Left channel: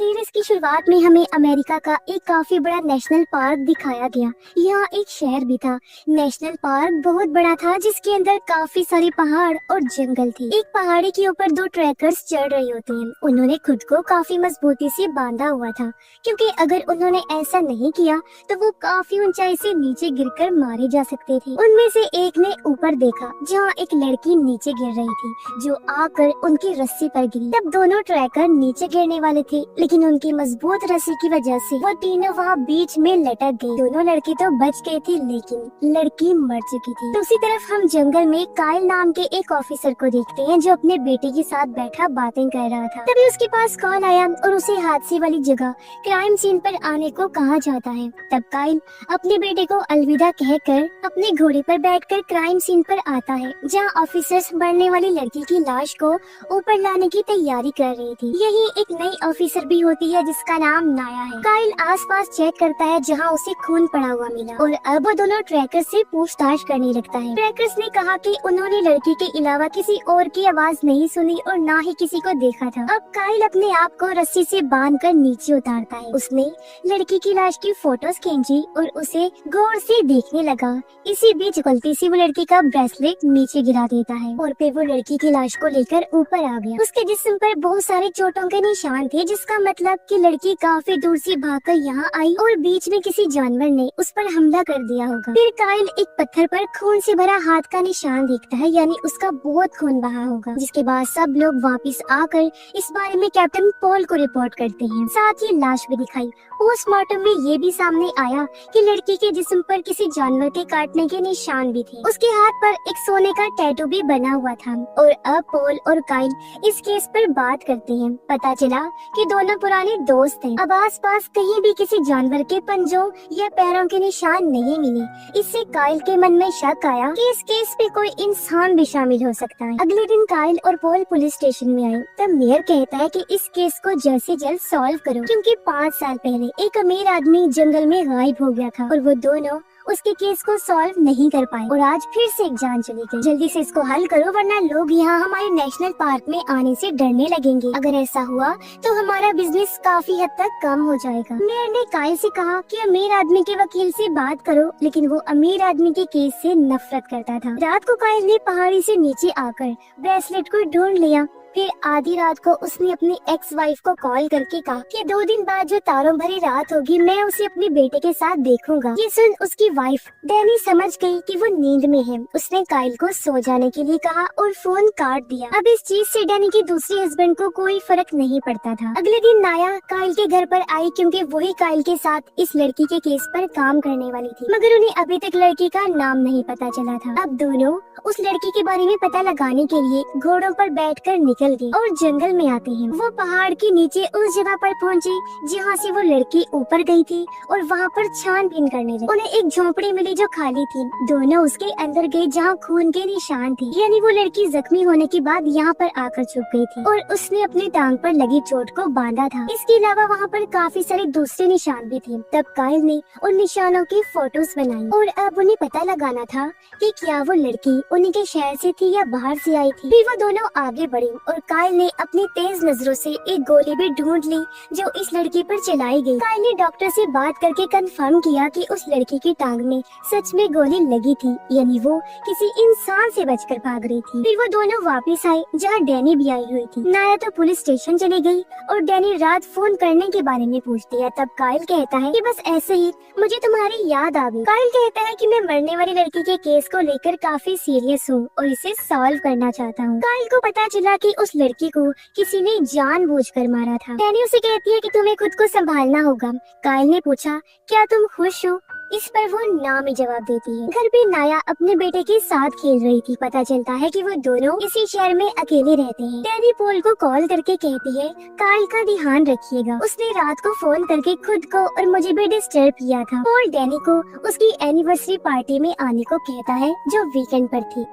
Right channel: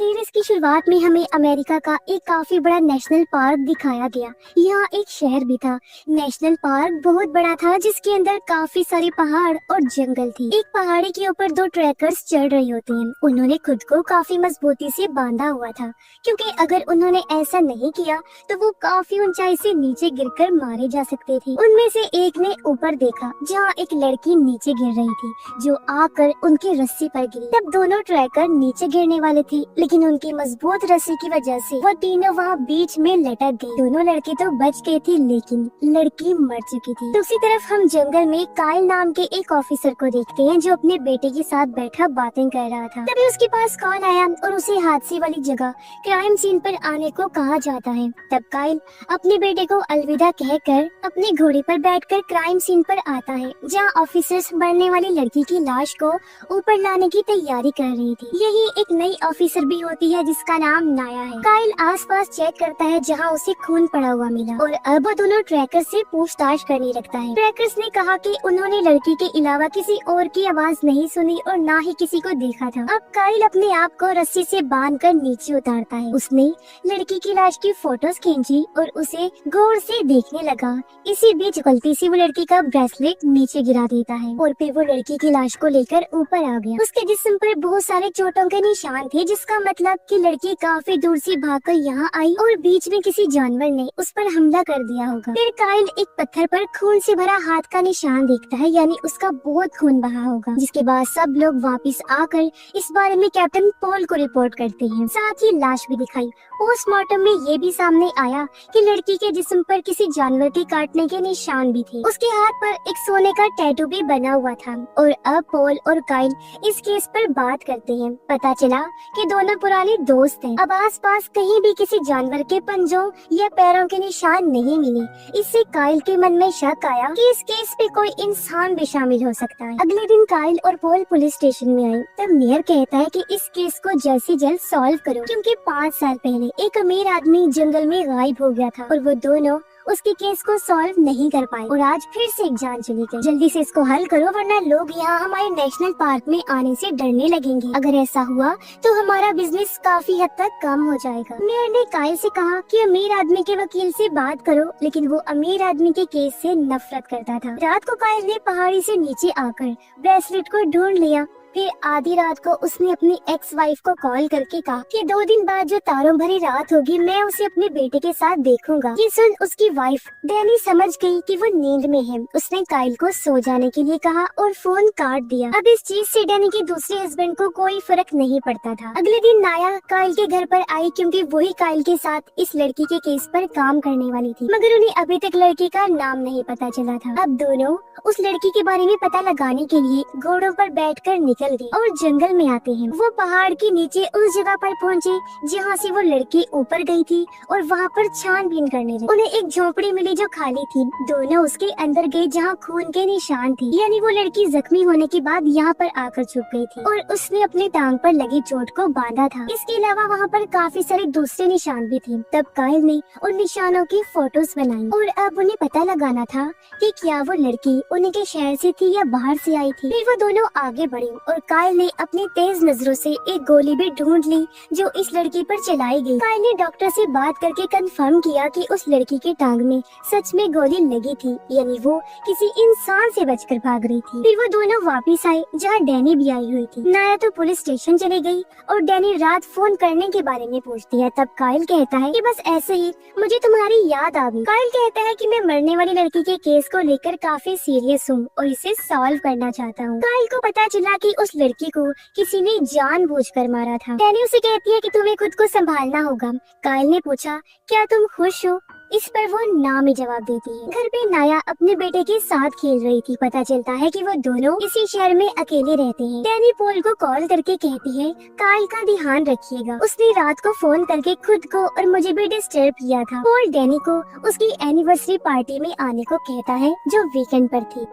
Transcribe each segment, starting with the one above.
Series की शुरुआत में हमें अमेरिका का एक काफी बड़ा नेशनल पार्क दिखाया गया। यहाँ एक शहर भी था। नेशनल पार्क बहुत बड़ा था जिसके अंदर काफी सारे पहाड़ और जंगल थी। एक पहाड़ी के ऊपर दो ट्रैकर्स चढ़ रहे होते हैं। उन्होंने खुद को काफी मजबूती से बांधा हुआ था, क्योंकि अगर उन्होंने ऐसा नहीं किया तो वो काफी ऊंचाई से नीचे गिरकर मारे जा सकते थे। उनमें से एक ने ऊपर देखा जहाँ एक लड़की नीचे गिर रही थी, जो आकर उनकी रस्सी पर गिरी। तब दोनों ट्रैकर नीचे गिरने वाले थे, लेकिन उनकी मजबूत रस्सी की वजह से वो तीनों वहाँ बीच में लटक गए। दोनों लड़की तो बच गई थी, लेकिन लड़की मर चुकी थी। दूसरी तरफ हम जंगल में काइल नाम के एक ऑफिसर को देखते हैं, जो अपने बेटे के साथ बैठा बातें कर रहा था। तभी उसके पास कॉल आया और उसे हादसे वाली जगह क्राइम सीन पर आने को कहा जाता है। तब काइल अपने बेटे को अलविदा कहकर अपने घोड़े पर बैठकर क्राइम सीन पर आता है, जहाँ ऑफिसर्स मरने वाली लड़की की लाश को ऊपर लाने की तैयारी कर रही थी। यही एक नई ऑफिसर भी होती है जिसका नाम नाया है। काइल आसपास चेक करता है जहाँ उसे खून पड़ा हुआ मिला, और अब वो दोनों ट्रैकर्स से पूछताछ करने लगता है। ट्रैकर्स ने कहा कि उन्होंने लड़की के अलावा किसी और की आवाज नहीं सुनी और ना ही किसी को देखा था। अब काइल अपने आप को रस्सी से बांधकर नीचे उतारता है। उसने लड़की की लाश की फोटोज खींची और उसे गौर से देखने लगा। इसी बीच गलती से वो लड़की का ब्रेसलेट नीचे गिरा देता है और फिर वो लड़की की लाश को लेकर ऊपर आ गया। उसके जिस्म पर बहुत सारे चोटों के निशान थे, जिसका मतलब कि लड़की काफी दूर से भागकर यहाँ आई और बीच में किसी जानवर ने उस पर हमला कर दिया होगा। फिर काइल एक पत्थर पर खून से भरा हाथ का निशान देखता है, यानी उसका बहुत खून बहा होगा। जिसके बाद सब लोग वापस आकर इस बारे में कैप्टन पॉल को रिपोर्ट करते हैं। साथ ही लाश भी दिखाई। पोस्टमार्टम में ये भी सामने आया कि लड़की के जिस्म पर किसी जानवर के काटने के निशान भी थे। उसके हाथ पर एक सोने का टैटू भी बना हुआ था। और अब पॉल और काइल इस केस पर बात करते हैं। पता चला कि दोनों पुराने दोस्त हैं। अब आसपास कहीं भी किसी जानवर के पंजों या पैरों के निशान नहीं मिले। इससे काइल के मन में शक आया कि इस केस में कोई इंसान भी शामिल हो सकता है। अगले दिन काइल और पॉल पुलिस स्टेशन में आए। तब मेयर कहता है कि इस केस को जल्द से जल्द सॉल्व करो, क्योंकि 5 साल पहले एक अमीर आदमी जंगल में गायब हो गया था और वो दोनों उसके केस को सॉल्व नहीं कर पाए, और आज फिर से एक जान चली गई। जल्दी से इसको हल करो, वरना लोग यहाँ हमारे नेशनल पार्क में आने से डरने लगेंगे। अगर ऐसा हुआ तो हमारा बिजनेस काफी हद तक कम हो जाएगा। मेयर ने काइल से कहा कि अमीर आदमी के वकील से बात करो, लेकिन वो अमीर आदमी के केस से नफरत करता था। रात को काइल ने पहाड़ी से नीचे आकर ब्रेसलेट को ढूंढ लिया। फिर आधी रात को उसने अपनी एक्स वाइफ को कॉल करके कहा कि 2 दिन बाद जो तारों भरी रात होगी, मैं उसे अपने बेटे के साथ देखूंगा। ये सुन उसकी वाइफ डैनी समझ गई कि वो नींद में है। उसने काइल को सो जाने के लिए कहा और फोन काट दिया। अब इस चीज से डैनी के दूसरे हस्बैंड को कोई फर्क नहीं पड़ता था। अगले दिन नाया काइल के घर पर आई, क्योंकि वही काइल के साथ इस लड़की के केस पर काम करने वाली थी, मगर उन्हें अभी तक लड़की का नाम नहीं पता चला था। अब दोनों उस लड़की के बारे में पता लगाने के लिए घोड़ों पर बैठकर निकल दी और जंगल में आते हैं। वो पहाड़ के नीचे उस जगह पर पहुंचे जहाँ से वो लड़की ऊपर गई थी, और वहाँ पर छानबीन करने लगे। उन्हें एक झोपड़ी मिली जो खाली थी। दोनों उसके अंदर गए जहाँ खून के निशान थे, यानी वो लड़की जख्मी होने के बाद यहाँ पर आकर छुप गई थी और उसने अपनी टांग पर लगी चोट को बांधा था। इसके अलावा वहाँ पर काफी सारे दूसरे निशान भी थे। तब काइल ने उन निशानों की फोटोज बनाई, और अब उन्हें पता लगाना था कि क्या वो लड़की उन्हीं के शहर से थी या बाहर से आई थी। फिर वो दोनों आगे बढ़े और काइल ने अपनी तेज नजरों से एक गोली भी ढूंढ ली जो इस लड़की पर चलाई गई। काइल ने डॉक्टर से बात करके कंफर्म किया कि उस लड़की की टांग में सच में गोली लगी थी, यानी वो किसी इंसान से बचकर भाग रही थी। फिर वो दोनों वापस आए जहाँ डैनी भी आई हुई थी। नाया तो पुलिस स्टेशन चली गई और डैनी रात फोन करने के बारे में पूछती है। तब काइल कहता है कि बस ऐसे ही मुझे तुम्हारी याद आ गई। काइल कहता है कि मैं मरने वाली लड़की के केस को लेकर काफी सीरियस हूँ और इसे सॉल्व करना चाहता हूँ। काइल को पता चला कि उस लड़की को किसी ने जानबूझकर मारा था। डैनी उसे कहती है कि तुम्हें खुद को संभालना होगा। काइल ने पूछा, क्या तुम खुश हो? इस पर वो ना में जवाब देती है। घर पे नाया अपने बेटे के साथ खेल रही थी। पता चलता है कि वो दोनों इसी शहर में अकेले रहते हैं। डैनी पॉल को कॉल करके कहती है, काइल का ध्यान रखिएगा। उसने रात को फोन करके खुद को और मुझे भी डिस्टर्ब किया था। पॉल डैनी को उसकी एनिवर्सरी पार्टी में आने को कहता है जो वीकेंड पर थी।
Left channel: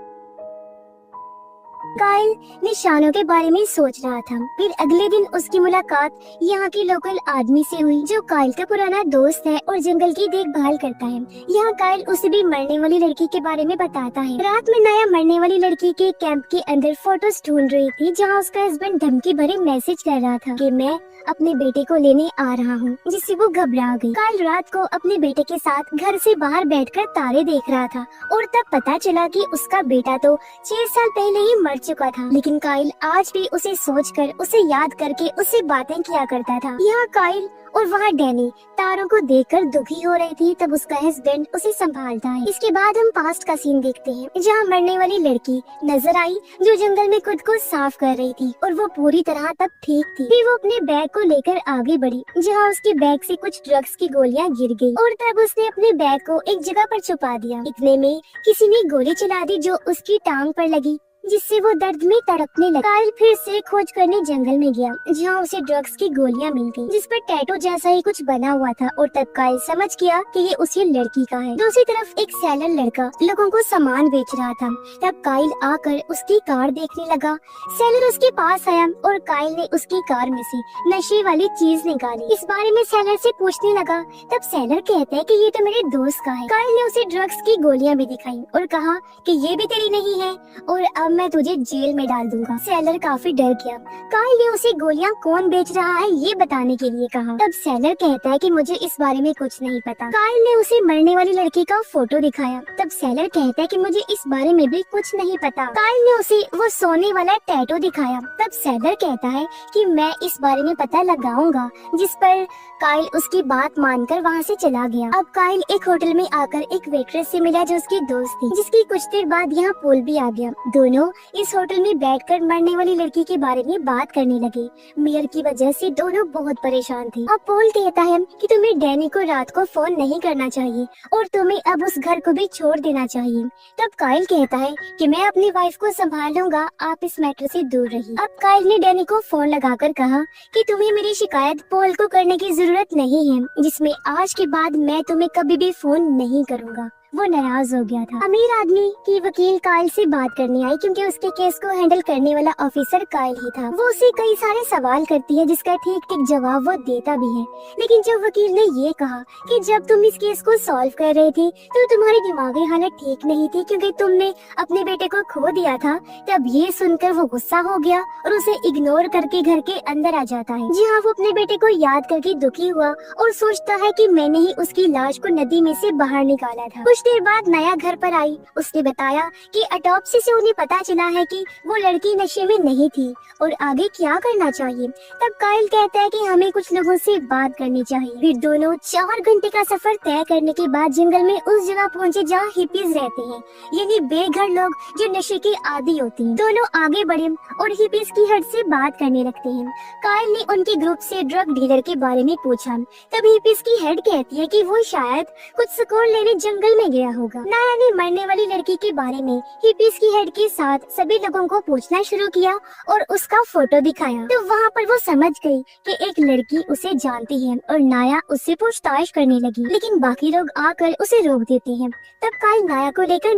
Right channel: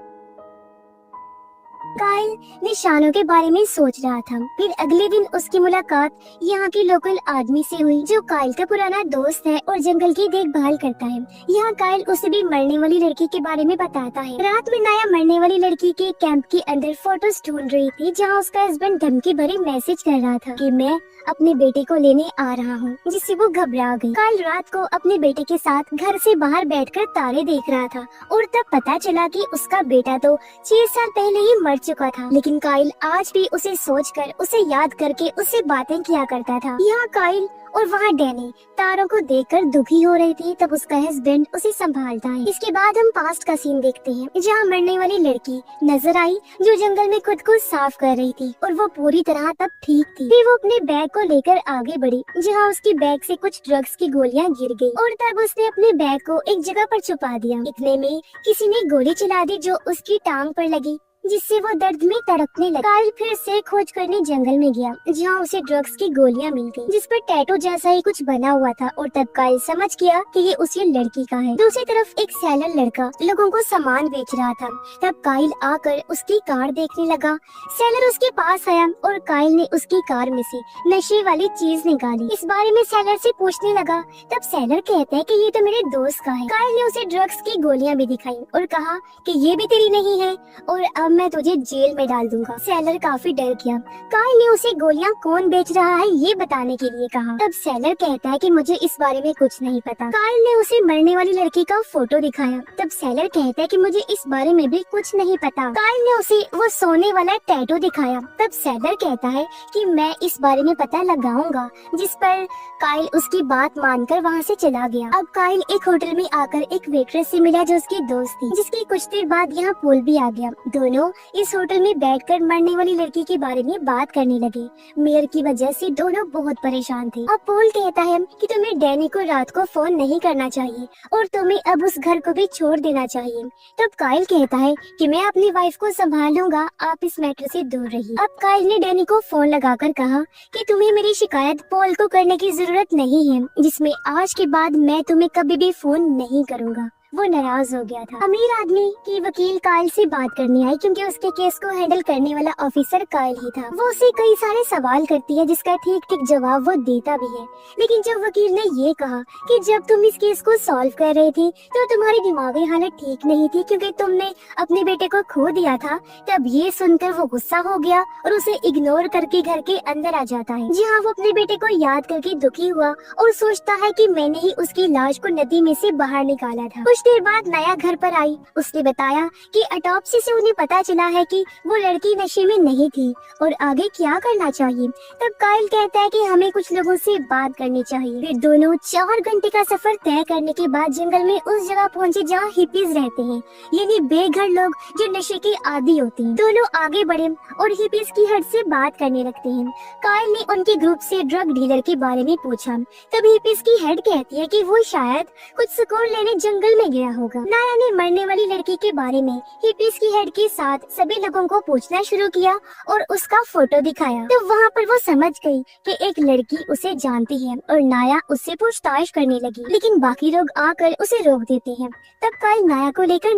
काइल निशानों के बारे में सोच रहा था। फिर अगले दिन उसकी मुलाकात यहाँ के लोकल आदमी से हुई, जो काइल का पुराना दोस्त है और जंगल की देखभाल करता है। यहाँ काइल उसे भी मरने वाली लड़की के बारे में बताता है। रात में नाया मरने वाली लड़की के कैंप के अंदर फोटोज ढूंढ रही थी, जहाँ उसका हस्बैंड धमकी भरे मैसेज कर रहा था कि मैं अपने बेटे को लेने आ रहा हूँ, जिससे वो घबरा गई। काइल रात को अपने बेटे के साथ घर से बाहर बैठकर तारे देख रहा था और तब पता चला कि उसका बेटा तो 6 साल पहले ही मर चुका था। लेकिन काइल आज भी उसे सोचकर, उसे याद करके उससे बातें किया करता था। यहाँ काइल और वहाँ डैनी तारों को देखकर दुखी हो रही थी। तब उसका हस्बैंड उसे संभालता है। इसके बाद हम पास्ट का सीन देखते हैं, जहाँ मरने वाली लड़की नजर आई जो जंगल में खुद को साफ कर रही थी और वो पूरी तरह तब ठीक थी। फिर वो अपने बैग को लेकर आगे बढ़ी, जहाँ उसके बैग से कुछ ड्रग्स की गोलियां गिर गई और तब उसने अपने बैग को एक जगह पर छुपा दिया। इतने में किसी ने गोली चला दी जो उसकी टांग पर लगी, जिससे वो दर्द में तड़पने लगा। काइल फिर से खोज करने जंगल में गया, जहाँ उसे ड्रग्स की गोलियां मिल गई, जिस पर टैटू जैसा ही कुछ बना हुआ था और तब काइल समझ गया कि ये उसी लड़की का है। दूसरी तरफ एक सेलर लड़का लोगों को सामान बेच रहा था। तब काइल आकर उसकी कार देखने लगा। सेलर उसके पास आया और काइल ने उसकी कार में से नशे वाली चीज निकाली। इस बारे में सेलर से पूछने लगा। तब सेलर कहता है कि ये तो मेरे दोस्त का है। काइल ने उसे ड्रग्स की गोलियां भी दिखाई और कहा कि ये भी तेरी नहीं है और अब मैं तुझे जेल में डाल दूंगा। सेलर काफी डर गया। काइल ने उसे गोलियां कौन बेच रहा है ये बताने के लिए कहा। तब सेलर कहता है कि मुझे इस बारे में कुछ नहीं पता। काइल ने उसे मरने वाली लड़की का फोटो दिखाया। तब सेलर कहता है कि मुझे इस बारे में भी कुछ नहीं पता। काइल ने उसे वो सोने वाला टैटू दिखाया। तब सेलर कहता है कि मैं इस बारे में पता लगाऊंगा, जिस पर काइल उसकी बात मानकर वहाँ से चला गया। अब काइल एक होटल में आकर एक वेट्रेस से मिला जो उसकी दोस्त थी, जिसकी कुछ देर बाद यहाँ पुल भी आ गया। दोनों इस होटल में बैठकर मरने वाली लड़की के बारे में बात करने लगे। मेयर की वजह से दोनों बहुत परेशान थे। अब पॉल कहता है कि तुम्हें डैनी को रात को फोन नहीं करना चाहिए और तुम्हें अब उस घर को भी छोड़ देना चाहिए। तब काइल कहता है कि मैं अपनी वाइफ को संभाल लूंगा, आप इस मैटर से दूर रहिए। अब काइल ने डैनी को फोन लगाकर कहा कि तुम्हें मेरी शिकायत पॉल को करने की जरूरत नहीं है, जिसमें आज के बाद मैं तुम्हें कभी भी फोन नहीं करूँगा। वो नाराज हो गया था। अमीर आदमी की वकील काइल से बात करने आई, क्योंकि उसके केस को हैंडल करने वाला ऑफिसर काइल ही था। वो उसे कई सारे सवाल करती है, जिसका ठीक ठीक जवाब वो देता भी है। लेकिन जब वकील ने ये कहा कि जब तुम इस केस को सॉल्व कर रहे थे तो तुम्हारी दिमागी हालत ठीक नहीं थी, क्योंकि तुमने अपने बेटे को खो दिया था, तब ये सुनकर वो गुस्सा हो गया और उसे इग्नोर करके घर के अंदर आ जाता है, जहाँ वो अपने बेटे को याद करके दुखी हुआ और सोचता है कि मैंने ही उसकी लाश को नदी में से बाहर निकाला था। कुछ देर बाद नया घर पर आई। उसने बताया कि ऑटोप्सी से उन्हें पता चला है कि वो लड़की नशे में नहीं थी और आगे क्या करना चाहिए। तब काइल कहता है कि हमें कुछ लोगों से बात करनी चाहिए। फिर दोनों 4 घंटे का सफर तय करने के बाद जंगल में उस जगह पहुंचे जहाँ हिपीज रहते हैं, यानी बेघर लोग जो नशे के आदी होते हैं। दोनों आगे बढ़े और हिपीज की हट से बात करने लगते हैं। काइल ने उनके ग्रुप से ड्रग डीलर के बारे में पूछा। तब हिपीज की हेड कहती है कि वो शायद कुछ सुकून लेने जंगल में गया होगा। नाया ने मरने वाली लड़की के बारे में हिपीज की हेड के साथ सभी लोगों को पूछना शुरू किया और उसका फोटो दिखाया। तो वहाँ पर वो समझ गई कि एक लड़की उसे जानती है और नाया उससे पूछताछ करने लगी, लेकिन बाकी लोग आकर उसे रोक देते हैं। तब काइल नाया को लेकर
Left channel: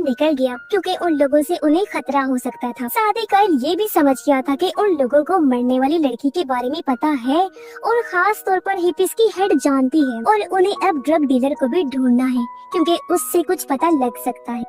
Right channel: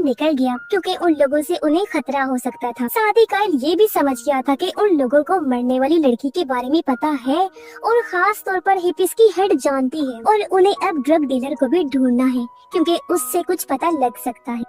निकल गया क्योंकि उन लोगों से उन्हें खतरा हो सकता था। साथ ही काइल ये भी समझ गया था कि उन लोगों को मरने वाली लड़की के बारे में पता है और खास तौर पर हिपीज की हेड जानती है और उन्हें अब ड्रग डीलर को भी ढूंढना है, क्योंकि उससे कुछ पता लग सकता है।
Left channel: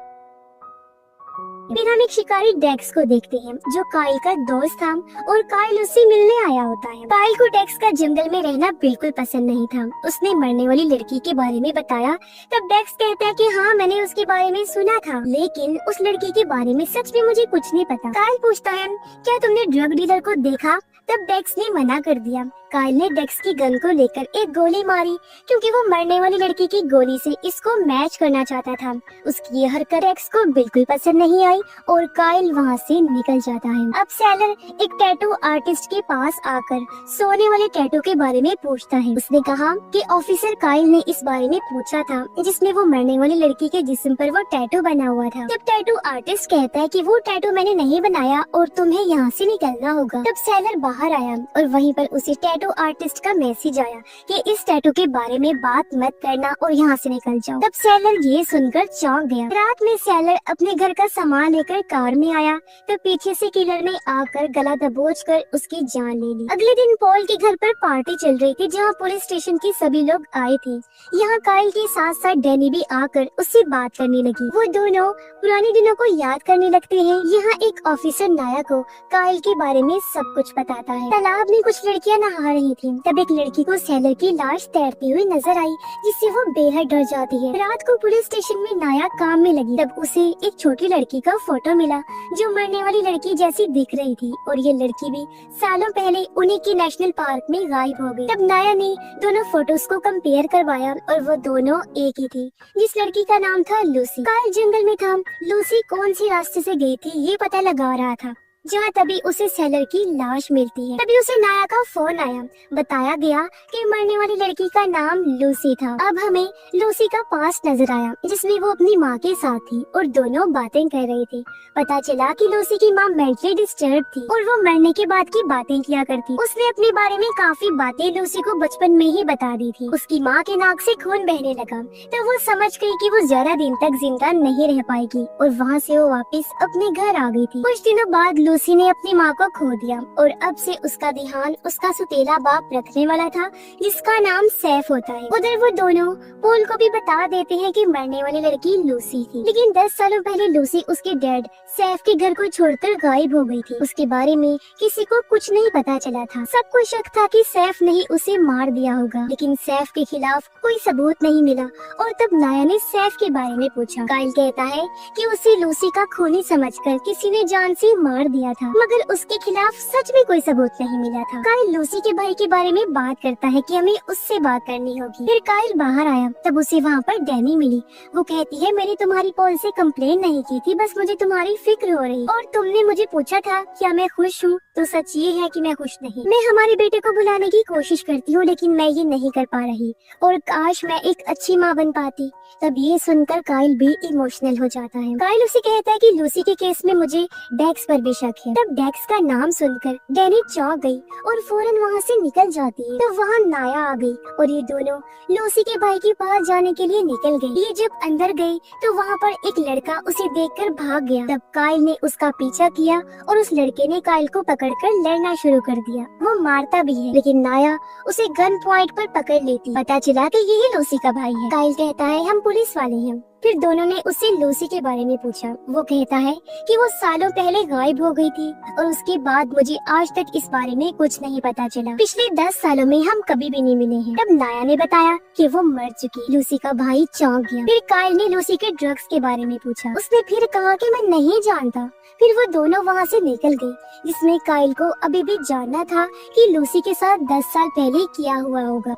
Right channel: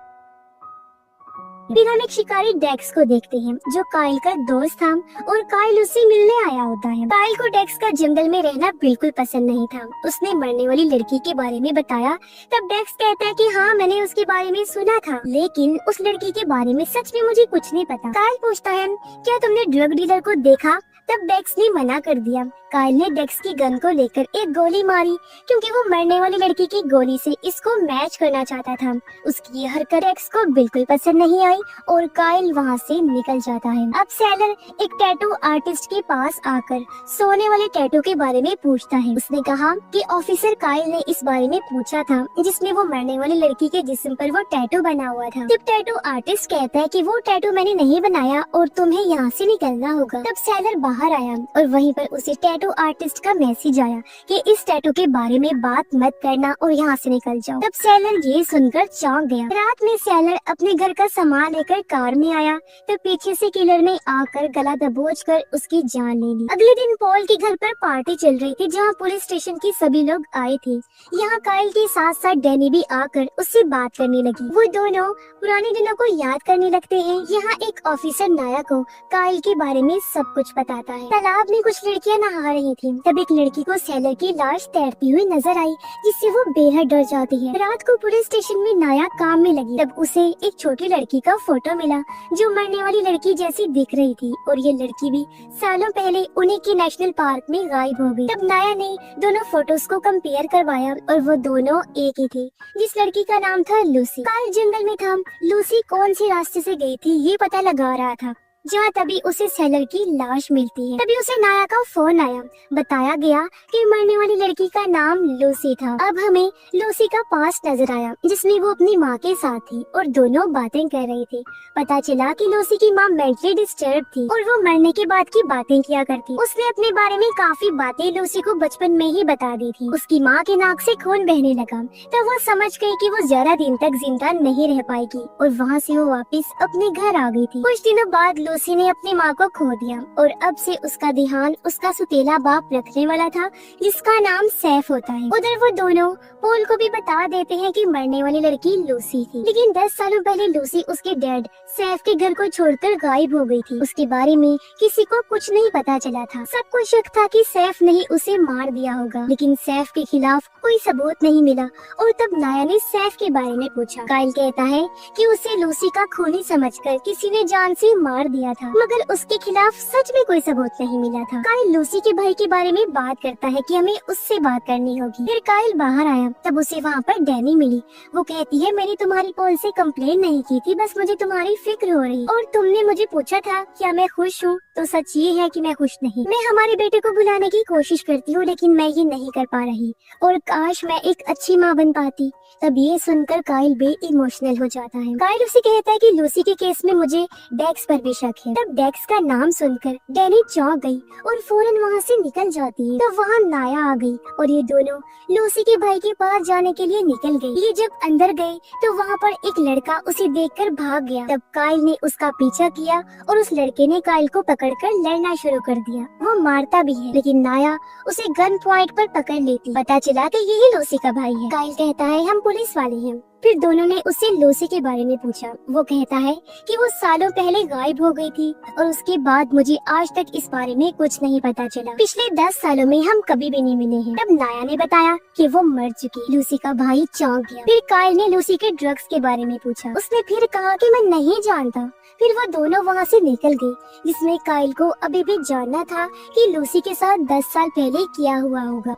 फिर हम एक शिकारी डेक्स को देखते हैं, जो काइल का दोस्त था और काइल उससे मिलने आया होता है। काइल को डेक्स का जंगल में रहना बिल्कुल पसंद नहीं था। उसने मरने वाली लड़की के बारे में बताया। तब डेक्स कहता है कि हाँ, मैंने उसके बारे में सुना था, लेकिन उस लड़की के बारे में सच में मुझे कुछ नहीं पता। काइल पूछता है, क्या तुमने ड्रग डीलर को देखा? तब डेक्स ने मना कर दिया। काइल ने डेक्स की गन को लेकर एक गोली मारी, क्योंकि वो मरने वाली लड़की की गोली से इसको मैच करना चाहता था। उसकी ये हरकत डेक्स को बिल्कुल पसंद नहीं आई और काइल वहाँ से निकल जाता है। अब सेलर एक टैटू आर्टिस्ट के पास आकर सोने वाले टैटू के बारे में पूछता है। उसने कहा कि ऑफिसर काइल ने इस बारे में पूछा था, जिसमें वो मरने वाली लड़की के जिस्म पर वो टैटू बना हुआ था। तब टैटू आर्टिस्ट कहता है कि वो टैटू मैंने नहीं बनाया और तुम्हें यहाँ से निकलना होगा। तब सेलर बाहर आया और वहीं पर उसी टैटू आर्टिस्ट का मैसेज आया कि इस टैटू के बारे में बात मत करना और यहाँ से निकल जाओ। तब सेलर ये सुनकर चौंक गया। रात में सेलर अपने घर का सामान लेकर कार में आया, तब पीछे से किलर ने आकर गला दबोचकर उसकी जान ले ली। अगले दिन पॉल के घर पर पार्टी चल रही थी, जहाँ पुलिस स्टेशन के सभी लोग आए थे। यहाँ काइल के साथ साथ डैनी भी आकर उससे बात करने लगी। वो दोनों पुराने दिनों को याद करने लगते हैं। यहाँ एक ऑफिसर नाया को काइल के बारे में सब कुछ पता आता है। तालाब में कुछ लड़कियां नहा रही थी। तब एक लड़की को सेलर की लाश तैरती हुई नजर आई, जिससे वो बेहद डर जाती है। रात को पुलिस स्टेशन में नाया काम में लगी। तब उसे एक छोटी लड़की का फोटो मिला जो मरने वाली लड़की जैसी दिख रही थी, और ये लड़की भी सालों पहले उन्हीं की नेशनल पार्क में गायब हो गई। तब नाया ने दोनों फोटोज को कंपेयर करवाया और वो दोनों एक ही थी। जिस लड़की का नाम था लूसी। काइल जंगल में था। लूसी कौन से रास्ते से गई थी ये पता लगा रहा था, जहाँ तभी उसे सेलर की लाश मिलती है। तभी उसे नाया का फोन आया। बताया गया कि मरने वाली लड़की का नाम लूसी था। अब हमें लूसी का पास्ट नजर आया, जिसमें वो अपनी माँ के साथ थी और दोनों बातें कर रही थी। पता चला कि लूसी की माँ मेंटली डिस्टर्ब थी और वो मरने के बाद की बातें किया करती। उसने अपने बारे में काफी बातें लूसी को बचपन में ही बता दी थी। उसकी माँ के नाक से खून बहने लगा, तब वो समझ गई कि वो ज्यादा दिन तक जिंदा नहीं रह पाएगी और वहाँ से वो वापस अपने घर आ गई थी। कुछ दिनों बाद लूसी ने अपनी माँ को खो दिया और अब से उसका ध्यान उसका सुतेला बाप रखने वाला था, जिसका नाम सैफ होता है। उधर वो दोनों पोल को भी बता देते हैं कि मरने वाली लड़की लूसी थी, लेकिन 10 सालों पहले लूसी उसके डैड सैफ के घर को छोड़कर गायब हो गई थी। उसके बारे में किसी को कुछ नहीं पता चला था। सबको शक था कि सैफ ने ही उसे मार दिया होगा, लेकिन सैफ के खिलाफ कोई सबूत नहीं मिला। और तब नाया ने सैफ के बारे में पूछा। काइल कहता है कि उसे लूसी का खूनी समझकर किसी ने जान से मार दिया था, मगर उसके खिलाफ सच में कोई सबूत नहीं मिला था। काइल लूसी के भाई के बारे में बात करता है कि हमें उससे बात करनी होगी। फिर काइल बाहर आया, तब उसे वहाँ पर डैनी मिली। वो कहती है मैंने तुम्हारी पोल से कंप्लेन नहीं की थी, बस मुझे तुम्हारी फिक्र हो रही और तुमने मुझे पूछा था क्या मैं खुश हूँ, तो सच ये है कि मैं खुश नहीं। मैं हमारे बेटे को बुलाने की कोशिश करती हूँ, लेकिन मैं ये नहीं कर पा रही और काश मैं एक अच्छी माँ बन पाती। तब ये सुनकर काइल भी इमोशनल हो जाता है। काइल उसे कहता है कि लूसी के केस में मुझे डेक्स पर भी शक है। तब डेक्स का नाम सुनकर डैनी चौंक गई और फौरन वहाँ से निकल जाती है। तब वहाँ नाया आ गई और ये दोनों लूसी के भाई के पास जाने के लिए निकल गई। ये जब अंदर गई तो वहाँ पर एक लड़का उसे देखकर भाग गया। तब काइल ने उसका पीछा किया और उस लड़के ने काइल को पकड़कर लड़ना शुरू कर दिया। वो मारता भी है, लेकिन नाया उसे गन पॉइंट पर पकड़ लेती। पता चला कि यही लूसी का भाई है। काइल कहता है हम पुलिस वाले हैं। फिर दोनों ने उससे लूसी के बारे में पूछा। वो कहता है कि वो सालों पहले गायब हो गई थी और उसके बाद मुझे आज तक इस बारे में कुछ नहीं पता चला। पिछले 10 सालों में हम कभी भी नहीं मिले हैं। तब नाया ने बताया कि वो मर चुकी। लूसी का भाई चौंक गया। फिर काइल ने लूसी के ड्रग्स के बारे में पूछा। उसने फिर कहा कि मैं नहीं जानता। फिर वो दोनों वहाँ से निकल गए, जिसमें काइल को अभी भी जानना था कि लूसी के साथ 10 साल पहले क्या हुआ होगा।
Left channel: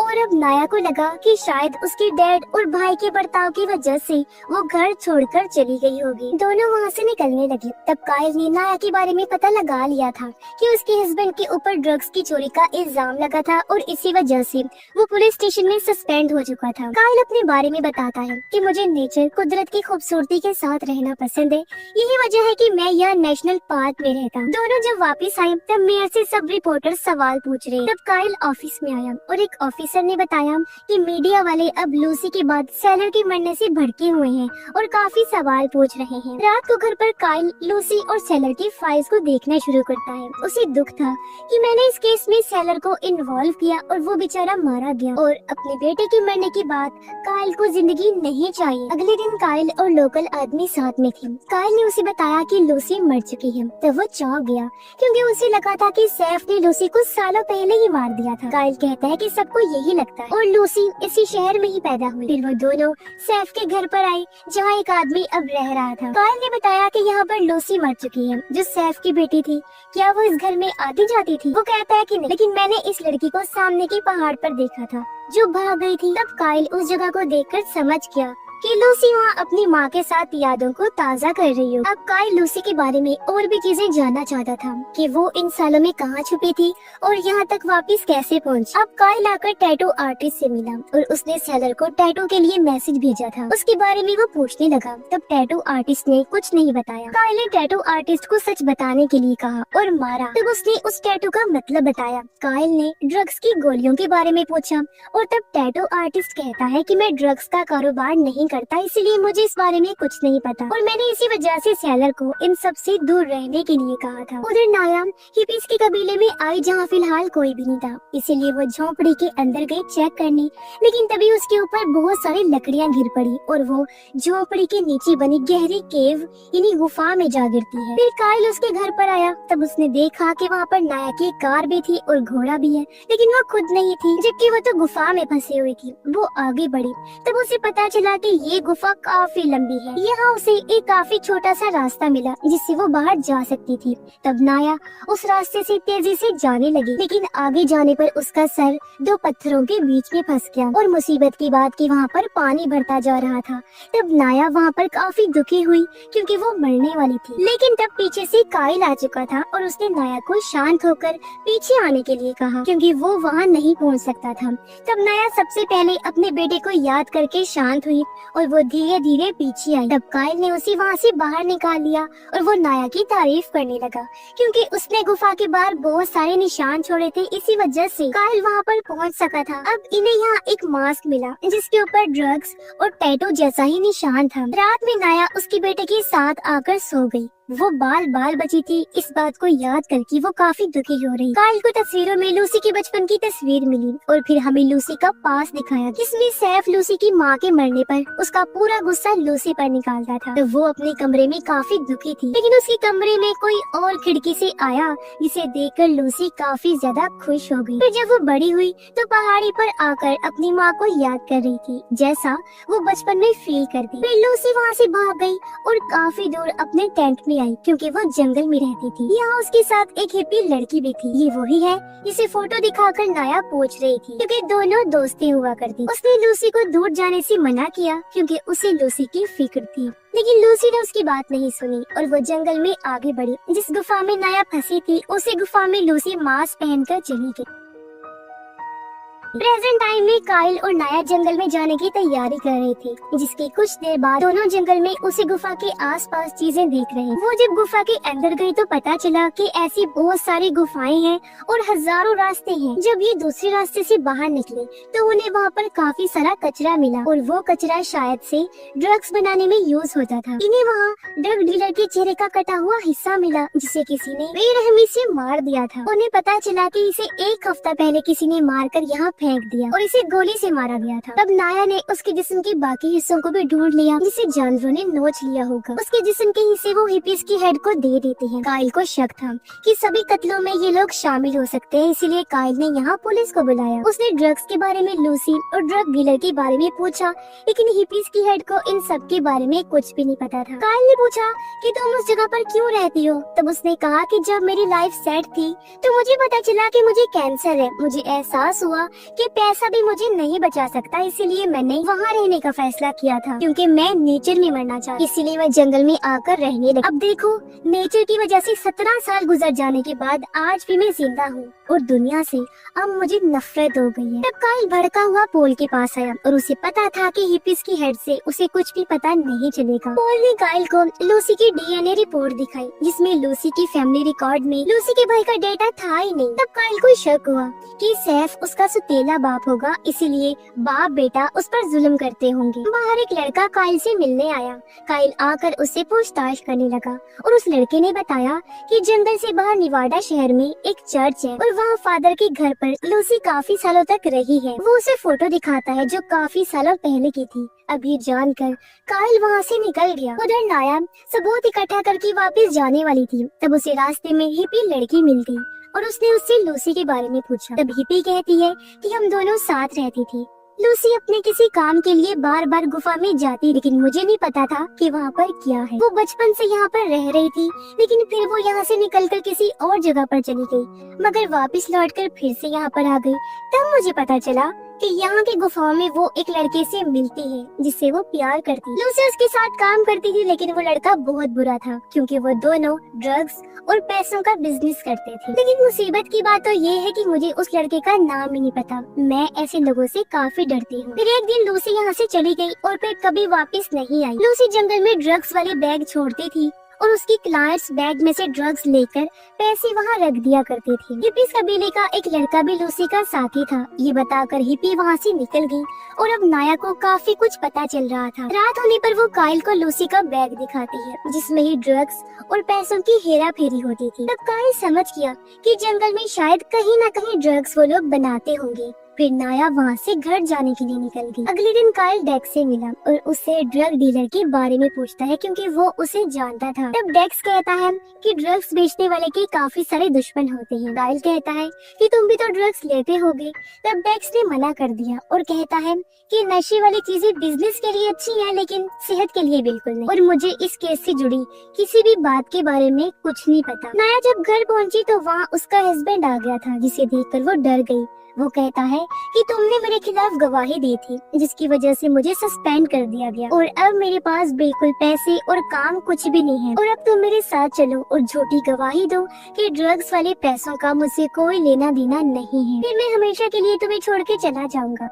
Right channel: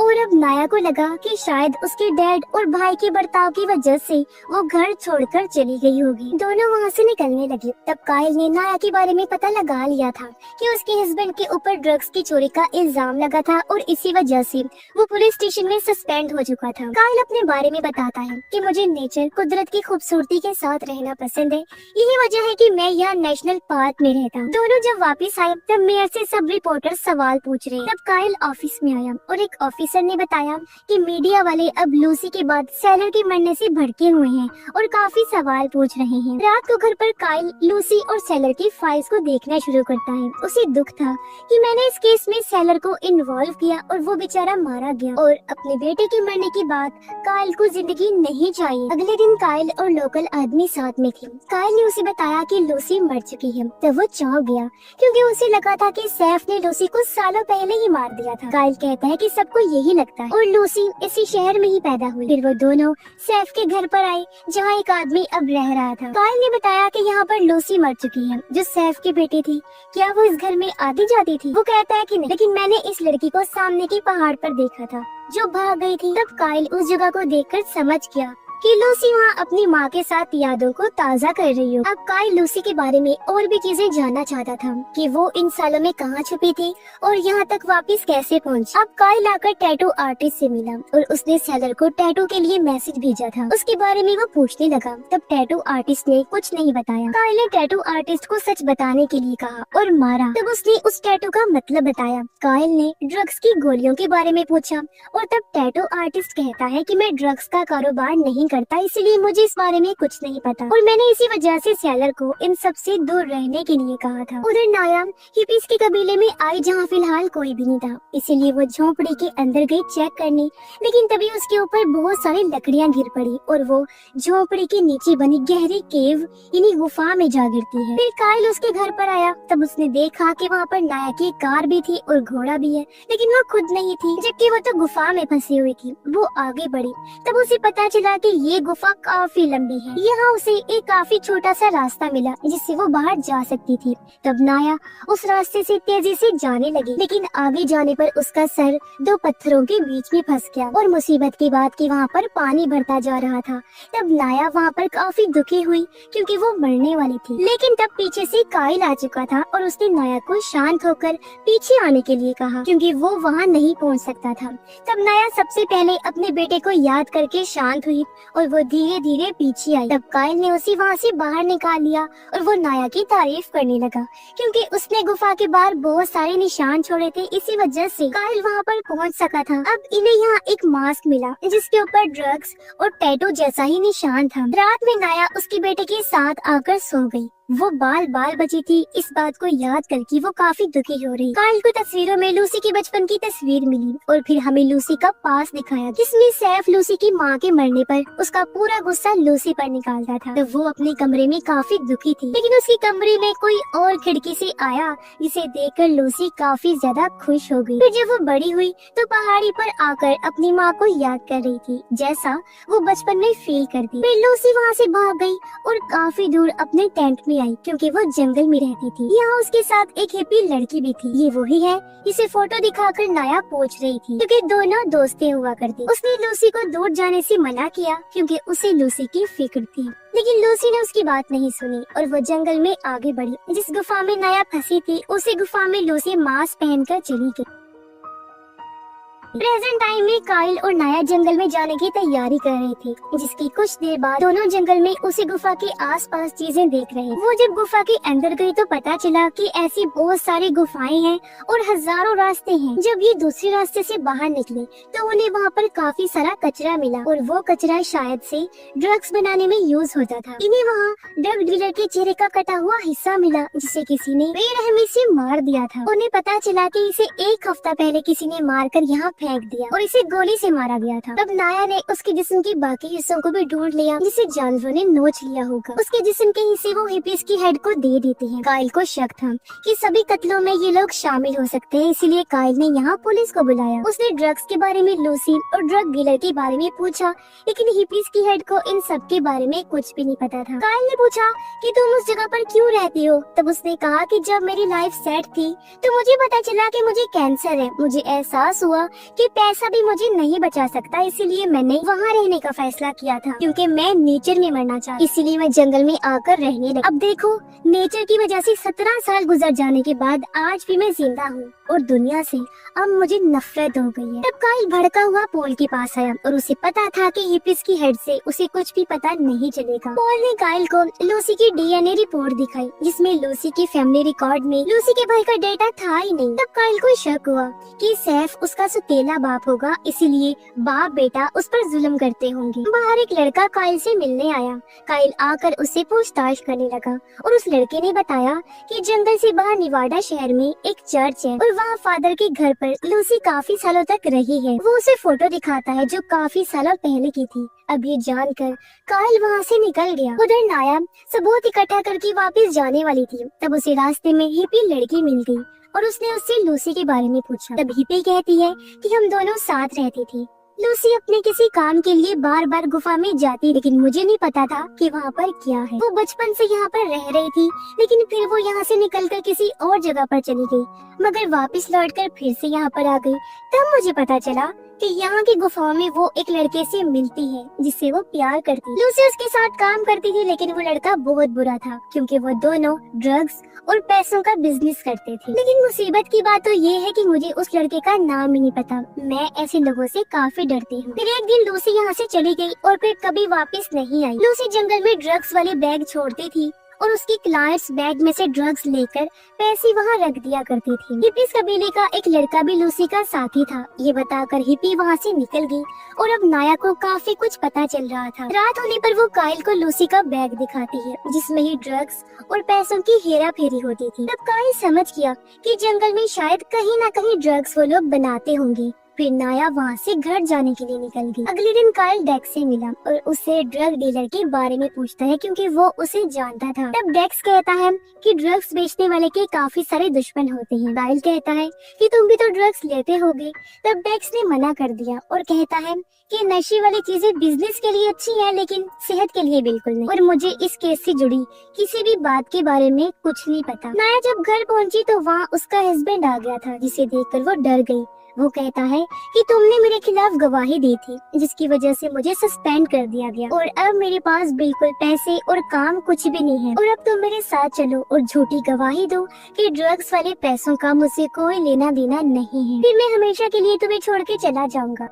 और अब नाया को लगा कि शायद उसके डैड और भाई के बर्ताव की वजह से वो घर छोड़कर चली गई होगी। दोनों वहाँ से निकलने लगे। तब काइल ने नाया के बारे में पता लगा लिया था कि उसके हस्बैंड के ऊपर ड्रग्स की चोरी का इल्जाम लगा था और इसी वजह से वो पुलिस स्टेशन में सस्पेंड हो चुका था। काइल अपने बारे में बताता है कि मुझे नेचर, कुदरत की खूबसूरती के साथ रहना पसंद है। यही वजह है कि मैं यहाँ नेशनल पार्क में रहता हूँ। दोनों जब वापस आए तब मेयर से सब रिपोर्टर सवाल पूछ रहे। तब काइल ऑफिस में आया और एक ऑफिसर ने बताया कि मीडिया वाले अब लूसी के बाद सेलर के मरने से भड़के हुए हैं और काफी सवाल पूछ रहे हैं। रात को घर पर काइल लूसी और सेलर की फाइल्स को देखना शुरू करता है। उसे दुख था कि मैंने इस केस में सेलर को इन्वॉल्व किया और वो बेचारा मारा गया और अपने बेटे के मरने के बाद काइल को जिंदगी नहीं चाहिए। अगले दिन काइल और लोकल आदमी साथ में थे। काइल ने उसे बताया कि लूसी मर चुकी है। तब वो चौंक गया क्योंकि उसे लगा था कि सैफ ने लूसी को सालों पहले ही मार दिया था। काइल कहता है कि सबको यही लगता है और लूसी इसी शहर में ही पैदा हुई। फिर वो दोनों सैफ के घर पर आए, जहाँ एक आदमी अब रह रहा था। काइल ने बताया कि यहाँ पर लूसी मर चुकी है, जो सैफ की बेटी थी। क्या वो इस घर में आती जाती थी? वो कहता है कि नहीं, लेकिन मैंने इस लड़की को सामने के पहाड़ पर देखा था जो भाग गई थी। तब काइल उस जगह को देखकर समझ गया कि लूसी वहाँ अपनी माँ के साथ यादों को ताज़ा कर रही हो। अब काइल लूसी के बारे में और भी चीजें जानना चाहता था कि वो इन सालों में कहाँ छुपी थी और यहाँ तक वापस कैसे पहुँची। अब काइल आकर टैटू आर्टिस्ट से मिला और उसने सेलर को टैटू के लिए मैसेज भेजा था। उसके बारे में वो पूछने लगा। तब टैटू आर्टिस्ट ने कुछ नहीं बताया। काइल ने टैटू आर्टिस्ट को सच बताने के लिए कहा और मारा। तब उसने उस टैटू का मतलब बताया। काइल ने ड्रग्स की गोलियों के बारे में पूछा और तब टैटू आर्टिस्ट कहता है कि मैं ड्रग्स का कारोबार नहीं करता, इसलिए मुझे इस बारे में कुछ नहीं पता और मैंने इसी वजह से सैलर को इन सब से दूर रहने के लिए कहा था। उधर नाया हिपीज के कबीले में आई जहाँ फिलहाल कोई भी नहीं था, इसीलिए वो झोपड़ी के अंदर गई चेक करने, लेकिन तभी उसके ऊपर बहुत सारी लकड़ियाँ गिर पड़ी और वो झोपड़ी के नीचे बनी गहरी केव यानी गुफा में जा गिरती है। फिर काइल उसके घर पर आया, तब उसने देखा कि वहाँ पर नाया की कार भी थी और घोड़ा भी है, लेकिन वो खुद नहीं थी, जबकि वो तो गुफा में फंसी हुई थी। वो आगे बढ़ी, तब उसे पता चला कि ये गुफा काफी लंबी है। यहाँ उसे एक काफी छोटा सा रास्ता मिला जिससे वो बाहर जा सकती थी। तब नाया उस रास्ते से तेजी से जाने लगी, लेकिन आगे जाने पर उसका सर दो पत्थरों के बीच में फंस गया और मुसीबत की बात कि वहाँ पर पानी बढ़ता जा रहा था। तब नाया वहाँ पर काफी दुखी हुई क्योंकि वो मरने वाली थी, लेकिन तब पीछे से काइल आ चुका था और उसने नाया को शांत होकर पीछे आने के लिए कहा क्योंकि वो वहाँ नहीं पहुँच सकता था। तब नाया सबसे पहले अपने बेटे को याद करके शांत हुई और वो धीरे धीरे पीछे आई। तब काइल ने उसे वहाँ से बाहर निकाल लिया और वो नाया की तारीफ करने लगा क्योंकि उसने गुफा के बाहर बहुत सारे निशान छोड़े थे, इसी वजह से काइल वहाँ पर पहुँच सका था। अब इन्हें यहाँ एक मास्क मिला जिसके ऊपर ड्रग्स और टैटू जैसा ही निशान था। रात में नाया उसके बेटे के साथ आकर सो गई। वो बाल बाल बची थी, इस बात को याद करके वो काफी दुखी हो रही। काइल को तस्वीरों में लूसी के बचपन की तस्वीर मिली और फिर हमें लूसी का पास दिखाया जिसमें सैफ लूसी की माँ के मरने पर उसका पूरा गुस्सा लूसी पर निकालता था। तो वो अपने कमरे में काफी दुखी थी, लेकिन उसके कमरे में कोई और खिड़की से आया जिसे देखकर लूसी काफी ज्यादा खुश हो गई। फिर जब वो बड़ी हुई तो पहाड़ी पर आकर अपनी माँ को याद कर रही थी जैसा वो बचपन में फील करती। फिर लूसी वहाँ से भाग गई और काफी दूर अपने टेंट में आई क्योंकि वो जंगल में रहती थी। यहाँ उसके साथ एक हिप्पी लड़की भी थी। ये वही है जिसे फोटो दिखाकर नाया पूछ रही थी क्योंकि दोनों दोस्तें हुआ करती। उसने लूसी को दूर जाने से मना किया क्योंकि उसे लूसी की फिक्र थी, लेकिन लूसी ने उसकी बात नहीं सुनी और वो जंगल में आगे बढ़ी। जिस गुफा में नाया फंसी थी उसी गुफा में लूसी मास्क पहनकर चली गई। प्रेजेंट टाइम में काइल और नाया जंगल में जाने की तैयारी कर रही थी, जिसके कुछ देर बाद दोनों जंगल में उसी गुफा के आसपास चीजें देख रहे। वो जब गुफा के अंदर गए तो पता चला कि ऐसी बहुत सारी गुफाएं हैं और हजारों रास्ते हैं। जब ये दूसरे रास्ते से बाहर निकले तो उन्हें वहाँ पर काफी सारा कचरा मिला और वो कचरा शायद से ड्रग्स बनाने में यूज होता था। इन्हें वहाँ ड्रग डीलर के चेहरे का कटा हुआ हिस्सा मिला जिसे किसी ने बेरहमी से मार दिया था। उन्हें पता चला कि इसे एक हफ्ता पहले किसी ने मारकर यहाँ फेंक दिया और इसे गोली से मारा गया था। तब नाया ने उसके जिस्म के बाकी हिस्सों को भी ढूंढ लिया जिसे जानवरों ने नोच लिया होगा। उसके जिस्म के हिस्से वो हिपीज की हेड को दे देती है। काइल को शक था कि सभी कत्लों में ये लोग शामिल हो सकते हैं, इसीलिए काइल ने यहाँ पुलिस को बुलाया। उसने ड्रग्स के बारे में लूसी और ड्रग डीलर के बारे में पूछा, लेकिन हिपीज की हेड को इन सब के बारे में कुछ भी नहीं पता था। काइल ने पूछा कि तुम उस जगह पर क्यों रहती हो? तब उसने कहा कि जब मेरी लाइफ सेट थी तो मुझे पता चला कि मुझे कैंसर है। मुझे एहसास हुआ कि पैसा भी मुझे नहीं बचा सकता, इसीलिए मैंने वहाँ रहने का फैसला किया था क्योंकि मैं नेचर में मरना चाहती, इसीलिए मैं जंगल में आकर रहने लगी। अब देखो, नेचर की वजह से 17 साल गुजर जाने के बाद आज भी मैं जिंदा हूँ और दुनिया से अब मुझे नफरत हो गई है। तब काइल भड़का हुआ पोल के पास आया और उसे पता था कि हिपिस की हेड से उसे कुछ भी पता नहीं चलेगा। पोल ने काइल को लूसी की डीएनए रिपोर्ट दिखाई जिसमें लूसी की फैमिली रिकॉर्ड में लूसी के भाई का डेटा था ही नहीं। तब काइल को शक हुआ कि सैफ उसका सुतेला बाप होगा, इसीलिए बाप बेटा उस पर जुल्म करते होंगे। बाहर एक लड़का काइल से मिलने आया। काइल आकर उससे पूछताछ करने लगा और उस लड़के ने बताया कि जंगल से बाहर निवाडा शहर में एक चर्च है और वहाँ फादर के घर पर लूसी काफी सालों तक रही है। वो उसे फोटो दिखाता है जो काफी सालों पहले की थी। अब ये जानकर काइल वहाँ से निकल गया। उधर नाया सबूत इकट्ठा करके वापस जाने वाली थी। तब उसे रास्ते में हिप्पी लड़की मिल गई और उसने उससे लूसी के बारे में पूछा। तब हिप्पी कहती है कि हम दोनों साथ रहती थी। लूसी अपने किसी काम के लिए बार बार गुफा में जाती, लेकिन मुझे नहीं पता था कि वहाँ पर क्या है। वो बचपन से यहाँ पर रह रही थी, लेकिन फिर वो यहाँ से निकलकर किसी और जगह पर चली गई, मगर वापस लौटकर फिर से यहाँ पर आ गई। तब मुझे पता चला कि यहाँ की गुफाओं में वो एक लड़के से मिलती है जिससे वो प्यार करती। लूसी उसके साथ काम करती थी, लेकिन वो लड़का बहुत बुरा था क्योंकि वो दोनों ड्रग्स और पैसों का बिजनेस करते थे। लेकिन मुसीबत की बात तो ये है कि मुझे उस लड़के का नाम ही नहीं पता। मैं ऐसे लोगों से काफी डरती हूँ। फिर एक दिन लूसी यहाँ से चली गई और फिर कभी वापस नहीं आई। लूसी जंगल में ड्रग्स वाली बैग छोड़ती थी और उसकी क्लाइंट्स बैग में से ड्रग्स लेकर पैसे वहाँ रख दिया करती थी। हिप्पीज कबीले का एक लड़का भी लूसी का साथी था। ये बताकर हिप्पी वहाँ से निकल गई और अब नाया को काफी कुछ पता चल रहा था। रात होने पर वो काइल को लूसी का बैग दिखाती है जिसमें ही ड्रग्स और पैसों की हेरा फेरी होती थी। तब काइल समझ गया कि जंगल में शायद कहीं न कहीं ड्रग्स वो लोग बनाते होंगे। फिर नाया वहाँ से घर जाने के लिए निकल गई। अगले दिन काइल डेक्स से मिला और उससे ड्रग डीलर के बारे में पूछता है क्योंकि वो उसे जानता था। तब डेक्स कहता है कि ड्रग्स बेचने वाले के काफी सारे दुश्मन होते हैं। काइल कहता है कि तुम भी तो ड्रग्स लेते होगे। तब डेक्स ने मना कर दिया और कहता है कि नशे वाली चीजें बिजनेस के लिए अच्छी है लेकिन सेहत के लिए बिल्कुल नहीं, और मुझे इस केस से जुड़ी किसी भी बात के बारे में कुछ नहीं पता। नाया जब घर पहुंची तो वहाँ उसका हस्बैंड आ गया था जिसे देखकर वो डर गई। वो कहता है कि तुमने मेरे खिलाफ गवाही दी थी जिसकी वजह से मुझे सस्पेंड कर दिया गया और अब मेरे पास बिल्कुल पैसे और काम कुछ भी नहीं है और अब तुम मेरे साथ चलो और झूठी गवाही दो कि ड्रग्स वाले पैसों का मुझसे कोई लेना देना नहीं है, फिर मैं हमेशा के लिए तुम्हें छोड़ के चला जाऊंगा।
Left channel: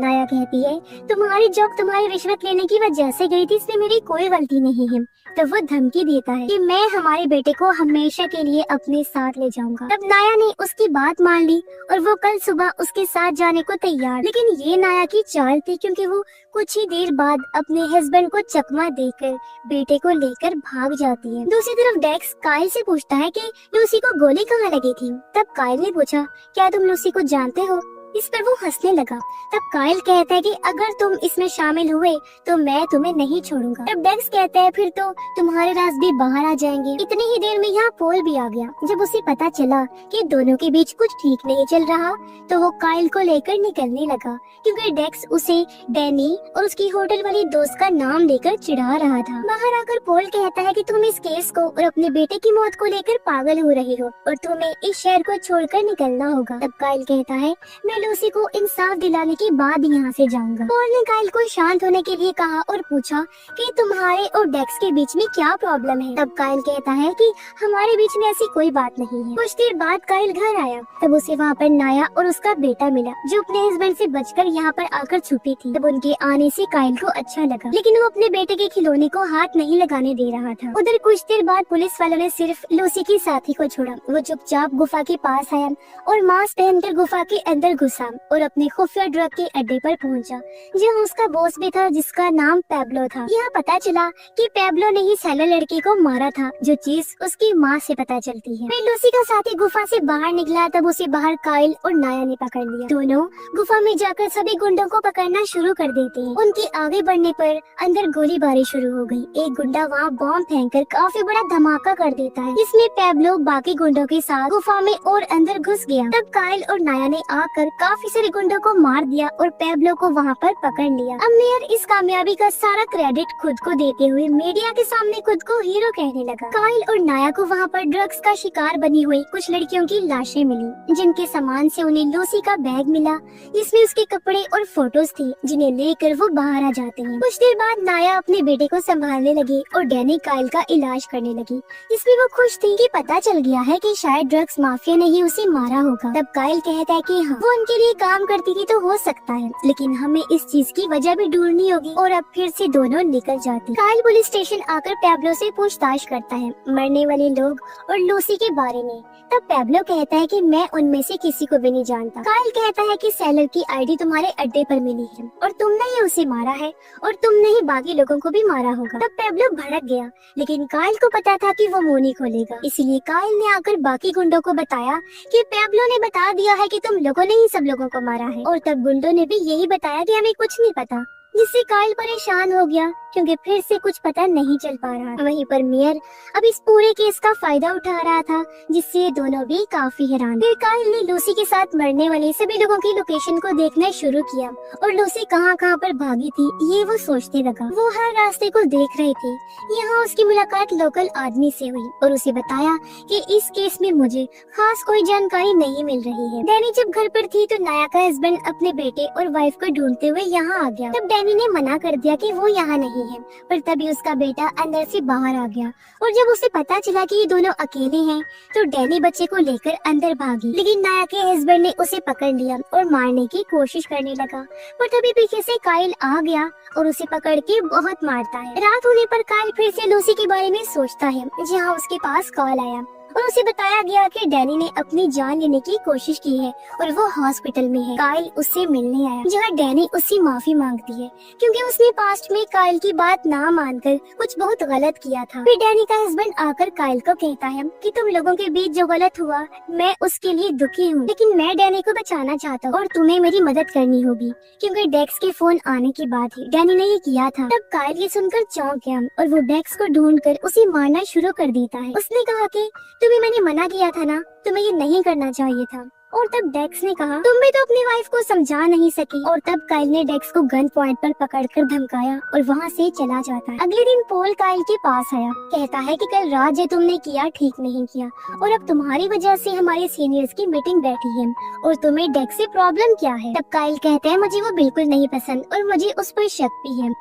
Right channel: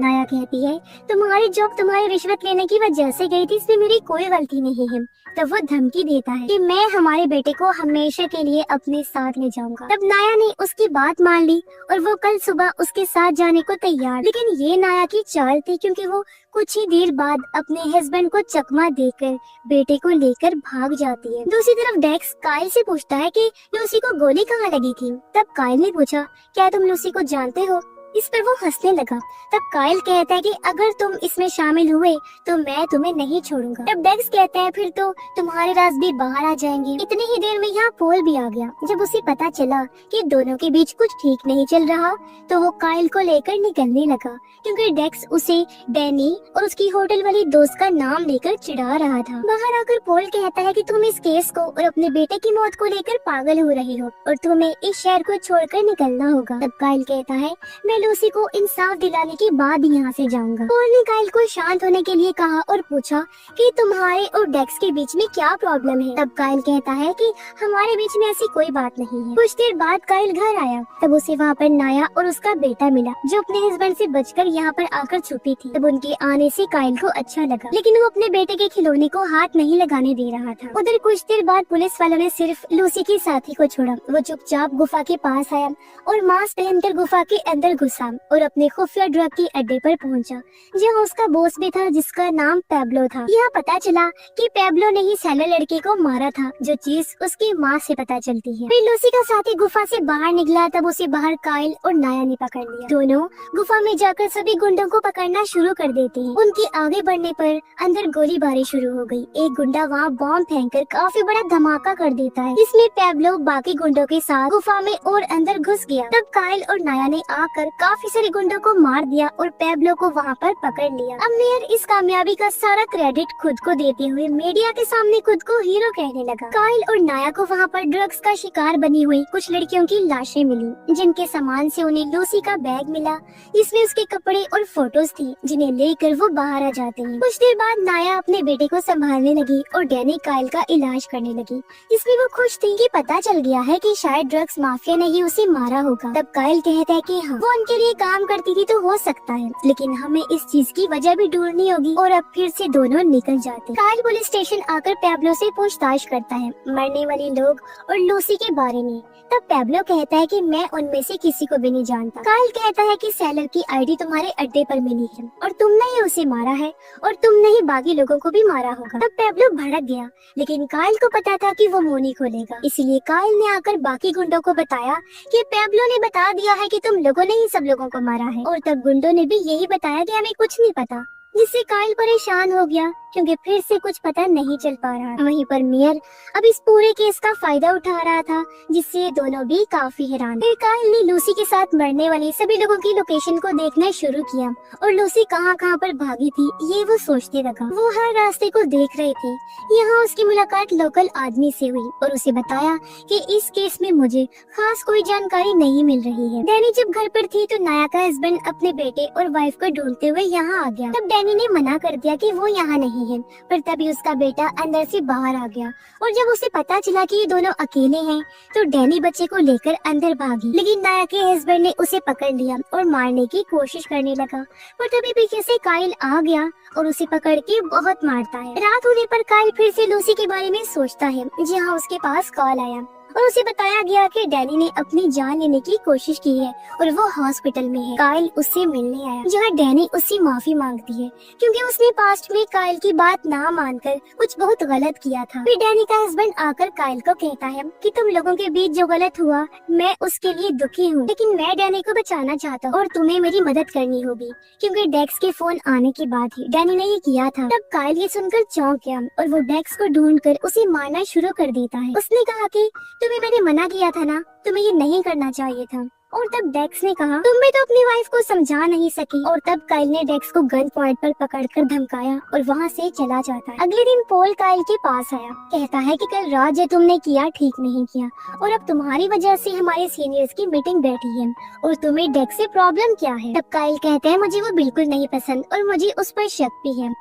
नाया कहती है तुम्हारी जॉब तुम्हारी रिश्वत लेने की वजह से गई थी, इसमें मेरी कोई गलती नहीं है। तब वो धमकी देता है कि मैं हमारे बेटे को हमेशा के लिए अपने साथ ले जाऊंगा। तब नाया ने उसकी बात मान ली और वो कल सुबह उसके साथ जाने को तैयार। लेकिन ये नाया की चाल थी क्योंकि वो कुछ ही देर बाद अपने हस्बैंड को चकमा देकर बेटे को लेकर भाग जाती है। दूसरी तरफ डेक्स काइल से पूछता है कि लूसी को गोली कहाँ लगी थी। तब काइल ने पूछा क्या तुम लूसी को जानते हो। इस पर वो हंसने लगा। तब काइल कहता है कि अगर तुम इसमें शामिल हुए तो मैं तुम्हें नहीं छोड़ूंगा। तब डेक्स कहता है फिर तो तुम्हारे राज भी बाहर आ जाएंगे। इतनी ही देर में यहाँ पोल भी आ गया। जब उसे पता चला कि दोनों के बीच कुछ ठीक नहीं चल रहा तो वो काइल को लेकर निकलने लगा क्योंकि डेक्स उसे डैनी और उसकी होटल वाली दोस्त का नाम लेकर चिढ़ा रहा था। बाहर आकर पोल कहता है कि तुम इस केस को और अपने बेटे की मौत को लेकर पागल हो रही हो और तुम्हें इस शहर को छोड़कर निकलना होगा। तब काइल कहता है मैं लूसी को इंसाफ दिलाने के बाद यहाँ से जाऊंगा। पोल ने काइल को शांत होने के लिए कहा और पूछा कि तुम्हारे और डेक्स के बीच में क्या प्रॉब्लम है। तब काइल कहता है कि हमारे बीच में ऐसी कोई बात नहीं है। कुछ देर बाद काइल घर आया। तब उसे वहाँ पर नाया और उसका बेटा मिला जो अपने हस्बैंड से बचकर यहाँ पर आकर छुपी थी। तब उनके आने से काइल को अच्छा लगा लेकिन वो अपने बेटे के खिलौने को हाथ नहीं लगाने दे रहा था। उधर कुछ देर बाद पुलिस वालों ने सिर्फ लूसी के साथी को छोड़ा। वो चुपचाप गुफा के पास आया और मास्क पहनकर गुफा के अंदर घुसा और अपने खुफिया ड्रग के अड्डे पर पहुंचा जहां उसका बॉस भी था जिसका नाम पैब्लो था। यहाँ पता चला कि पैब्लो ने ही सैलर लड़के को मारा था जो चीज उसकी माँ से पता चलती है। फिर लूसी का साथी गुफा से बाहर निकला तब उसे बाहर काइल और नाया ने पकड़ लिया। दोनों गुफा में जाकर सभी गुंडों को पकड़ना शुरू कर देते हैं। उनके आगे बढ़ने पर अंदर गोलीबारी शुरू हो गई। एक गुंडा वहाँ बॉम्ब फेंककर काफी बड़ा धमाका कर देता है। इसमें पैब्लो बाकी गुंडों के साथ गुफा में और अंदर घुस गया। तब काइल और नाया ने आकर काफी सारे गुंडों को मार दिया और पैब्लो को वहाँ पर पकड़ लिया। अब मेयर इस कामयाबी का सारा क्रेडिट खुद को देते हुए मीडिया के सामने खुद को हीरो कहने लगा। काइल और नाया को वहाँ पर ड्रग्स का शिकार बनी हुई कुछ लड़कियों की लाशें मिली जिनके सामान से उन्हें लूसी का बैग मिला जिसमें उसके कपड़े और फोटोज थी जिन्हें लेकर वो बाहर आ जाते हैं। कुछ देर बाद नाया अपने बेटे को संभालने लगी और डैनी काइल का इलाज करने लगी जिसमें वो खुश थी कि पता चल गया है कि शायद ड्रग्स माफिया ने ही उसे मारा होगा। तब काइल कहता है कि हाँ वो उनके लिए काम करती थी तो हो सकता है लेकिन हमें इस चीज की वजह भी ढूंढनी होगी और अब फिर से दोनों निकल जाते। काइल पुलिस स्टेशन आकर पैब्लो से पूछताछ करता है मरने वाले लोग और लूसी के बारे में। तब पैब्लो कहता है कि मैं उनमें से किसी को भी नहीं जानता। काइल कहता है कि सेलर की आईडी तुम्हारे अड्डे पर मिली है और तुमने ही उसे मारा है और तुमने ही बाकी लोगों को भी मारा होगा। तब पैब्लो भड़क गया लेकिन काइल को पता था कि वो मुंह नहीं खोलेगा इसलिए काइल ने आकर बाकी गुंडों को बताया कि पैब्लो ने बता दिया है कि तुम लोगों ने ही सब लोगों को मारा है। और तब गुंडों ने भी यही बताया कि हमें कुछ नहीं पता जिससे काइल परेशान हो गया क्योंकि फिर से कुछ पता नहीं चल पा रहा। वहीं पर मेयर अब इस पूरे केस का फायदा उठा रहा था जिससे ये दोनों भी काफी हैरान। फिर काइल ने लूसी के साथ मरने वाले सभी लोगों की लोकेशन को देखना शुरू किया और लूसी कहाँ कहाँ पर भागी थी ये वो सोचने लगा। वो हर रास्ते को देख रहे थे। यहाँ उसकी मुलाकात लोकल आदमी से हुई और उसे बताया कि इस केस में मुझे खास कोई जानकारी नहीं मिल रही है। डैनी जब घर पर थी तो नाया का हस्बैंड अपने बेटे और वाइफ को ढूंढते हुए यहाँ आ गया। तब डैनी डैनी ने मना कर दिया कि वो यहाँ नहीं है, पर तभी उसका बेटा अंदर से बाहर आ गया और जब उसे पता चला कि ये दोनों अकेले हैं तो डैनी बच्चे को लेकर अंदर भागी, लेकिन नाया के हस्बैंड ने उसे पकड़ लिया और मारने की कोशिश करने लगा। पर तभी पीछे से काइल आ गया और उसे पकड़ के बहुत मारता है। रात होने पर काइल फिर से लूसी के बारे में सोचता है, जहाँ उसके पास कॉल आया और उसे बताया गया कि डैनी ने अपनी जान लेने की कोशिश की है और वो हॉस्पिटल में है। काइल उससे मिलने आया, जहाँ डैनी उससे माफी मांगती है क्योंकि उसने पास्ट में काइल की बात ना मानकर कुछ बहुत गलत किया था। फिर डैनी का हस्बैंड आकर काइल को कहता है कि तुम लोगों के बीच जो गलत हुआ मैं उसके लिए दुखी हूँ, लेकिन मैं डैनी को बचाना चाहता हूँ और तुम्हें मेरी मदद करनी होगी क्योंकि डेक्स के फोन आने के बाद ही डैनी ने ये किया था। तब काइल ये सुनकर चौंक गया और वो डेक्स को ढूंढकर उसे मारना शुरू कर देता है। उसने कहा कि तुम्हें मैंने मना किया था ना, तुम्हें ये नहीं करना चाहिए था। और तब डेक्स ने कहा तुम भी तो अपनी वाइफ को समझा नहीं सकी। और तब काइल ने डेक्स को गन पॉइंट पर पकड़कर धमकाया और वहाँ से चला जाता है। अगले दिन पॉल काइल के पास आया, कहता है कि कल रात जो तुमने किया ठीक नहीं किया और अब तुम्हारी वजह से हमारे सीनियर्स की मीटिंग बैठी है और तुम्हें डेक्स से प्रॉब्लम क्या है। तब काइल कहते हैं मुझे वो बिल्कुल नहीं पसंद और मुझे उस पर शक भी है।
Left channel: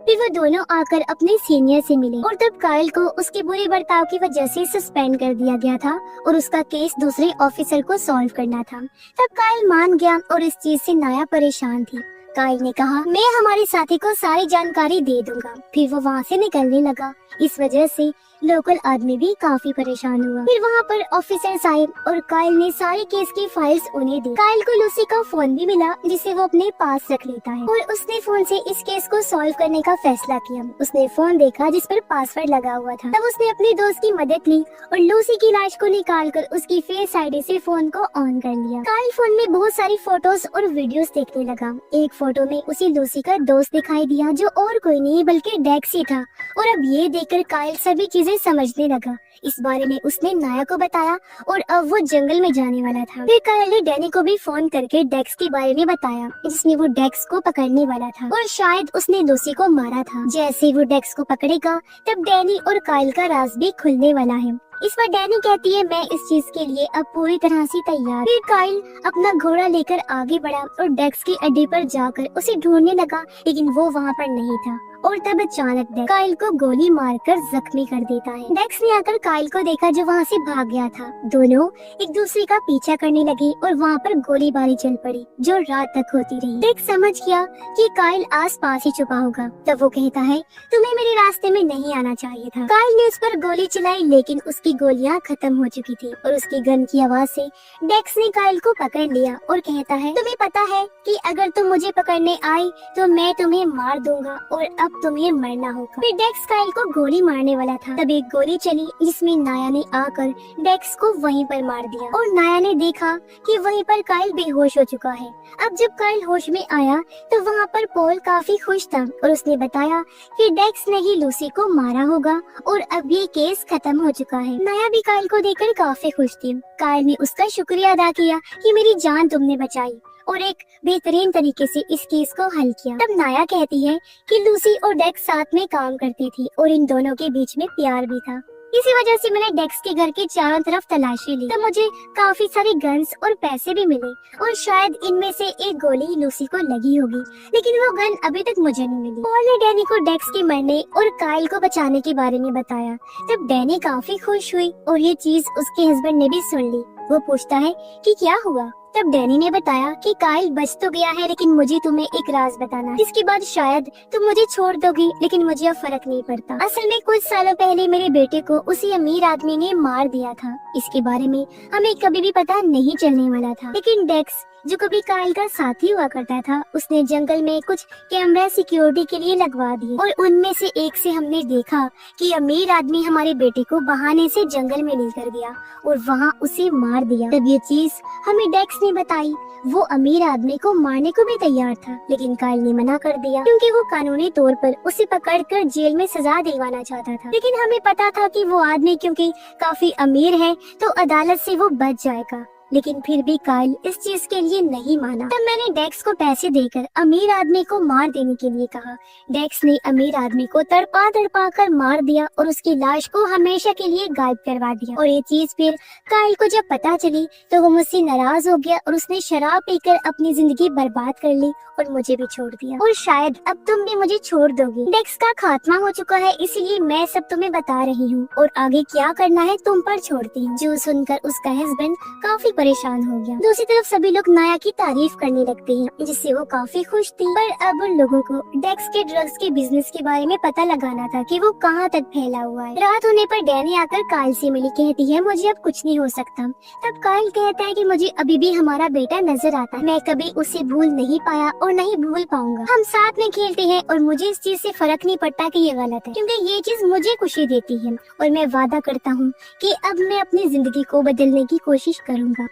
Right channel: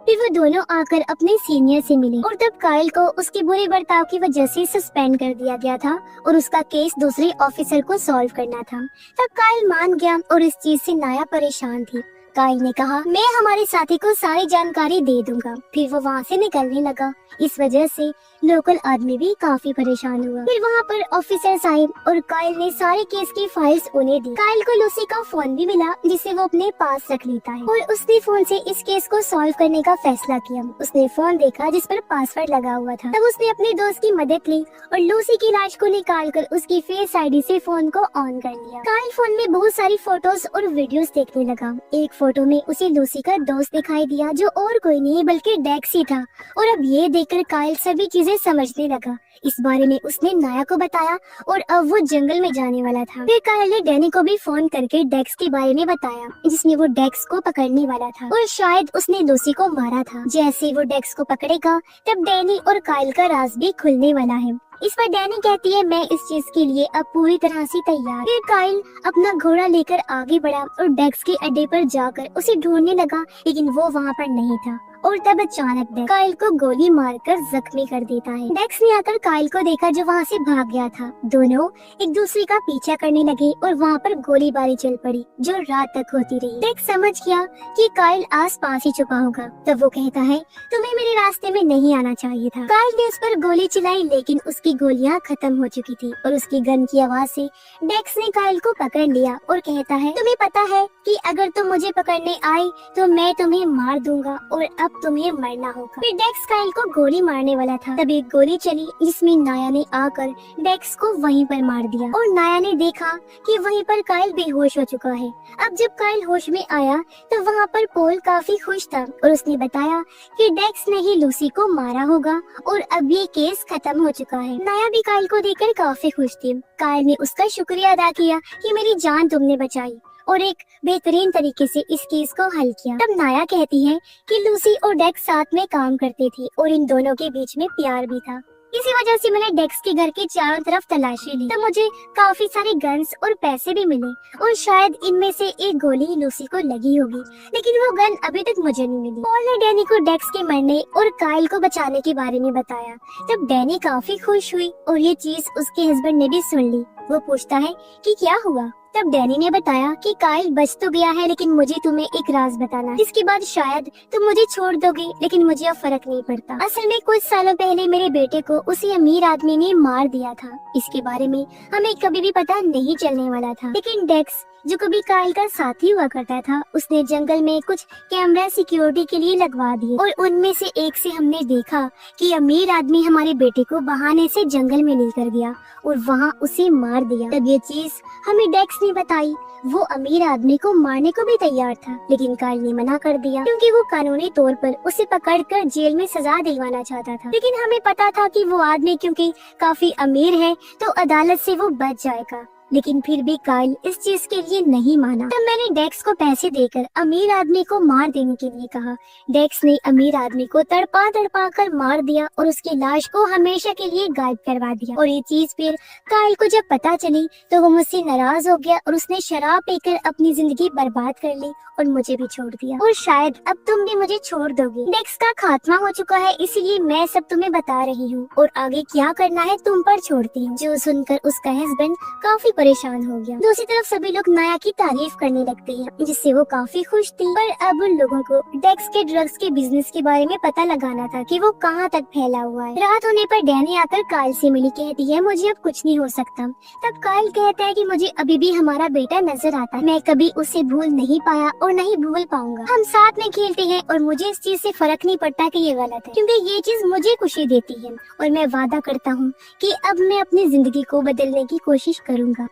फिर वो दोनों आकर अपने सीनियर से मिले और तब काइल को उसके बुरे बर्ताव की वजह से सस्पेंड कर दिया गया था और उसका केस दूसरे ऑफिसर को सॉल्व करना था। तब काइल मान गया और इस चीज से नाया परेशान थी। काइल ने कहा मैं हमारे साथी को सारी जानकारी दे दूंगा। फिर वो वहाँ से निकलने लगा। इस वजह से लोकल आदमी भी काफी परेशान हुआ। फिर वहाँ पर ऑफिसर्स आए और काइल ने सारे केस की फाइल्स उन्हें दी। काइल को लूसी का फोन भी मिला जिसे वो अपने पास रख लेता है और उसने फोन से इस केस को सॉल्व करने का फैसला किया। उसने फोन देखा जिस पर पासवर्ड लगा हुआ था। तब उसने अपने दोस्त की मदद ली और लूसी की लाश को निकाल कर उसकी फेस आईडी से फोन को ऑन कर लिया। काइल फोन में बहुत सारी फोटोज और वीडियोस देखने लगा। एक फोटो में उसे लूसी का दोस्त दिखाई दिया जो और कोई नहीं बल्कि डेक्स ही था और अब ये देखकर काइल सभी चीजें समझने लगा। इस बारे में उसने नाया को बताया और अब वो जंगल में जाने वाला था। फिर काइल ने डैनी को भी फोन करके डेक्स के बारे में बताया जिसमें वो डेक्स को पकड़ने वाला था और शायद उसने लूसी को मारा था। जैसे ही वो डेक्स को पकड़ेगा तब डैनी और काइल का राज भी खुलने वाला है। इस पर डैनी कहती है मैं इस चीज के लिए अब पूरी तरह से तैयार। फिर काइल अपना घोड़ा लेकर आगे बढ़ा और डेक्स के अड्डे पर जाकर उसे ढूंढने लगा, लेकिन वो वहाँ पर नहीं था और तब अचानक डेक्स काइल को गोली मारकर जख्मी कर देता है। डेक्स ने आकर काइल को देखा जो वहाँ से भाग गया था। दोनों एक दूसरे का पीछा करने लगे और वहाँ पर गोलीबारी चल पड़ी जो रात तक होती रही। डेक्स समझ गया कि काइल आस पास ही छुपा होगा, तब वो कहता है तुम्हें मेरे रास्ते में नहीं आना चाहिए था। काइल ने उस पर गोली चलाई लेकिन उसकी गोलियां खत्म हो चुकी थी और उसकी गन की आवाज से डेक्स ने काइल को पकड़ लिया और कहता है तुम्हें पता है कि अगर तुम मुझे पकड़ने आई तो मैं तुम्हें मार दूंगा और अब तुम्हें मरना होगा। फिर डेक्स काइल को गोली मारने वाला था तब एक गोली चली जिसमें नाया ने आकर डेक्स को वहीं पर मार दिया और नाया ने देखा कि वहीं पर काइल बेहोश हो चुका है। अब जब काइल होश में आया तो वहाँ पर पॉल काफी खुश था और उसने बताया कि डेक्स ने ही लूसी को मारा होगा और अब ये केस खत्म हो चुका है। नाया भी काइल को देखकर काफी खुश थी। काइल ने उसका शुक्रिया अदा किया कि मेरी जान तुमने बचाई और एक बेहतरीन तरीके से इस केस को हल किया। तब नाया कहती है कि लूसी और डेक्स साथ में काम करती थी और इन दोनों के बीच में प्यार भी था। इसी वजह से मैंने डेक्स के घर की चारों तरफ तलाशी ली, तब मुझे काफी सारी गन्स और पैसे भी मिले और शायद इनमें से एक गोली लूसी को लगी होगी, लेकिन वो गन अभी तक मुझे नहीं मिली। पॉल ने डैनी को डेक्स के मरने और काइल को बचाने के बारे में बताया। तब डैनी काफी खुश हुई और ये चीज उसके हस्बैंड ने भी सुन ली। वो पूछता है कि क्या हुआ। तब डैनी ने बताया कि काइल बच तो गया है लेकिन मुझे तुम्हें एक राज बताना, इसके बाद शायद तुम मुझे छोड़ दोगे, लेकिन मुझे अब फर्क नहीं पड़ता। असल में कुछ सालों पहले मेरे बेटे को उसी अमीर आदमी ने मार दिया था। इसके बारे में हमें कभी भी पता नहीं चलने वाला था, लेकिन डेक्स जो कभी काइल का साथी हुआ करता था उसने जंगल में कुछ कैमरा सिक्योरिटी के लिए लगवा दिए और उनमें से एक से हमने देखा कि अमीर आदमी हमारे बेटे को बहाने से जंगल में लेकर गया और वहाँ उसे मार दिया। तब ये चीज हमें डेक्स ने बताई। वो अमीर आदमी को मारने को भी तैयार था, लेकिन काइल ने मना कर दिया क्योंकि वो कानूनी तौर पर उसे पकड़कर जेल में सजा दिलवाना चाहता था। लेकिन हमें पता था कि वो आदमी क्योंकि काफी अमीर है तो अदालत से वो बच जाएगा। लेकिन फिर भी काइल इस चीज के लिए नहीं माना। तब मैंने डेक्स को पैसे देकर अमीर आदमी को मार देने के लिए कहा। डेक्स ने अमीर आदमी को तड़पा तड़पा कर मार दिया और उसकी लाश को हमेशा के लिए गायब करवा दिया। और ये चीज फिर काइल को जब पता चली तो वो मुझसे नाराज हो गया और उसने शराब पीकर अपनी जिंदगी बर्बाद कर ली और मुझे भी छोड़ दिया। और शायद अब तुम भी मुझे छोड़ दोगे। डेक्स का खात्मा हो चुका है, इसलिए मैं सब तुम्हें बता रही हूँ और आगे क्या करना है तुम पर छोड़ती हूँ। जो सुनकर उसका हस्बैंड काफी परेशान हो गया। दूसरी तरफ सभी लोग नाया की तारीफ करने लगते हैं, जिससे वो काफी खुश थी। पर अब उन लोगों को डेक्स के ड्रग्स के बिजनेस के बारे में पता लगाना था कि वो कहाँ तक फैला हुआ है। रात होने पर डैनी आकर काइल से मिली, कहती है मुझे अब कुछ नहीं हो सकता। तब काइल कहता है कि मुझे अभी भी हमारा बेटा नजर आता है, मैं कभी उसे भूल नहीं पाया और नहीं भूल पाऊंगा। हम साथ में खेलते हैं और मुझे इस चीज से फर्क नहीं पड़ता कि ये गलत है, क्योंकि ये चीज मुझे खुशी देती है और मैं वादा करता हूँ कि अब मैं अपनी जिंदगी को बदलने की कोशिश करूँगा।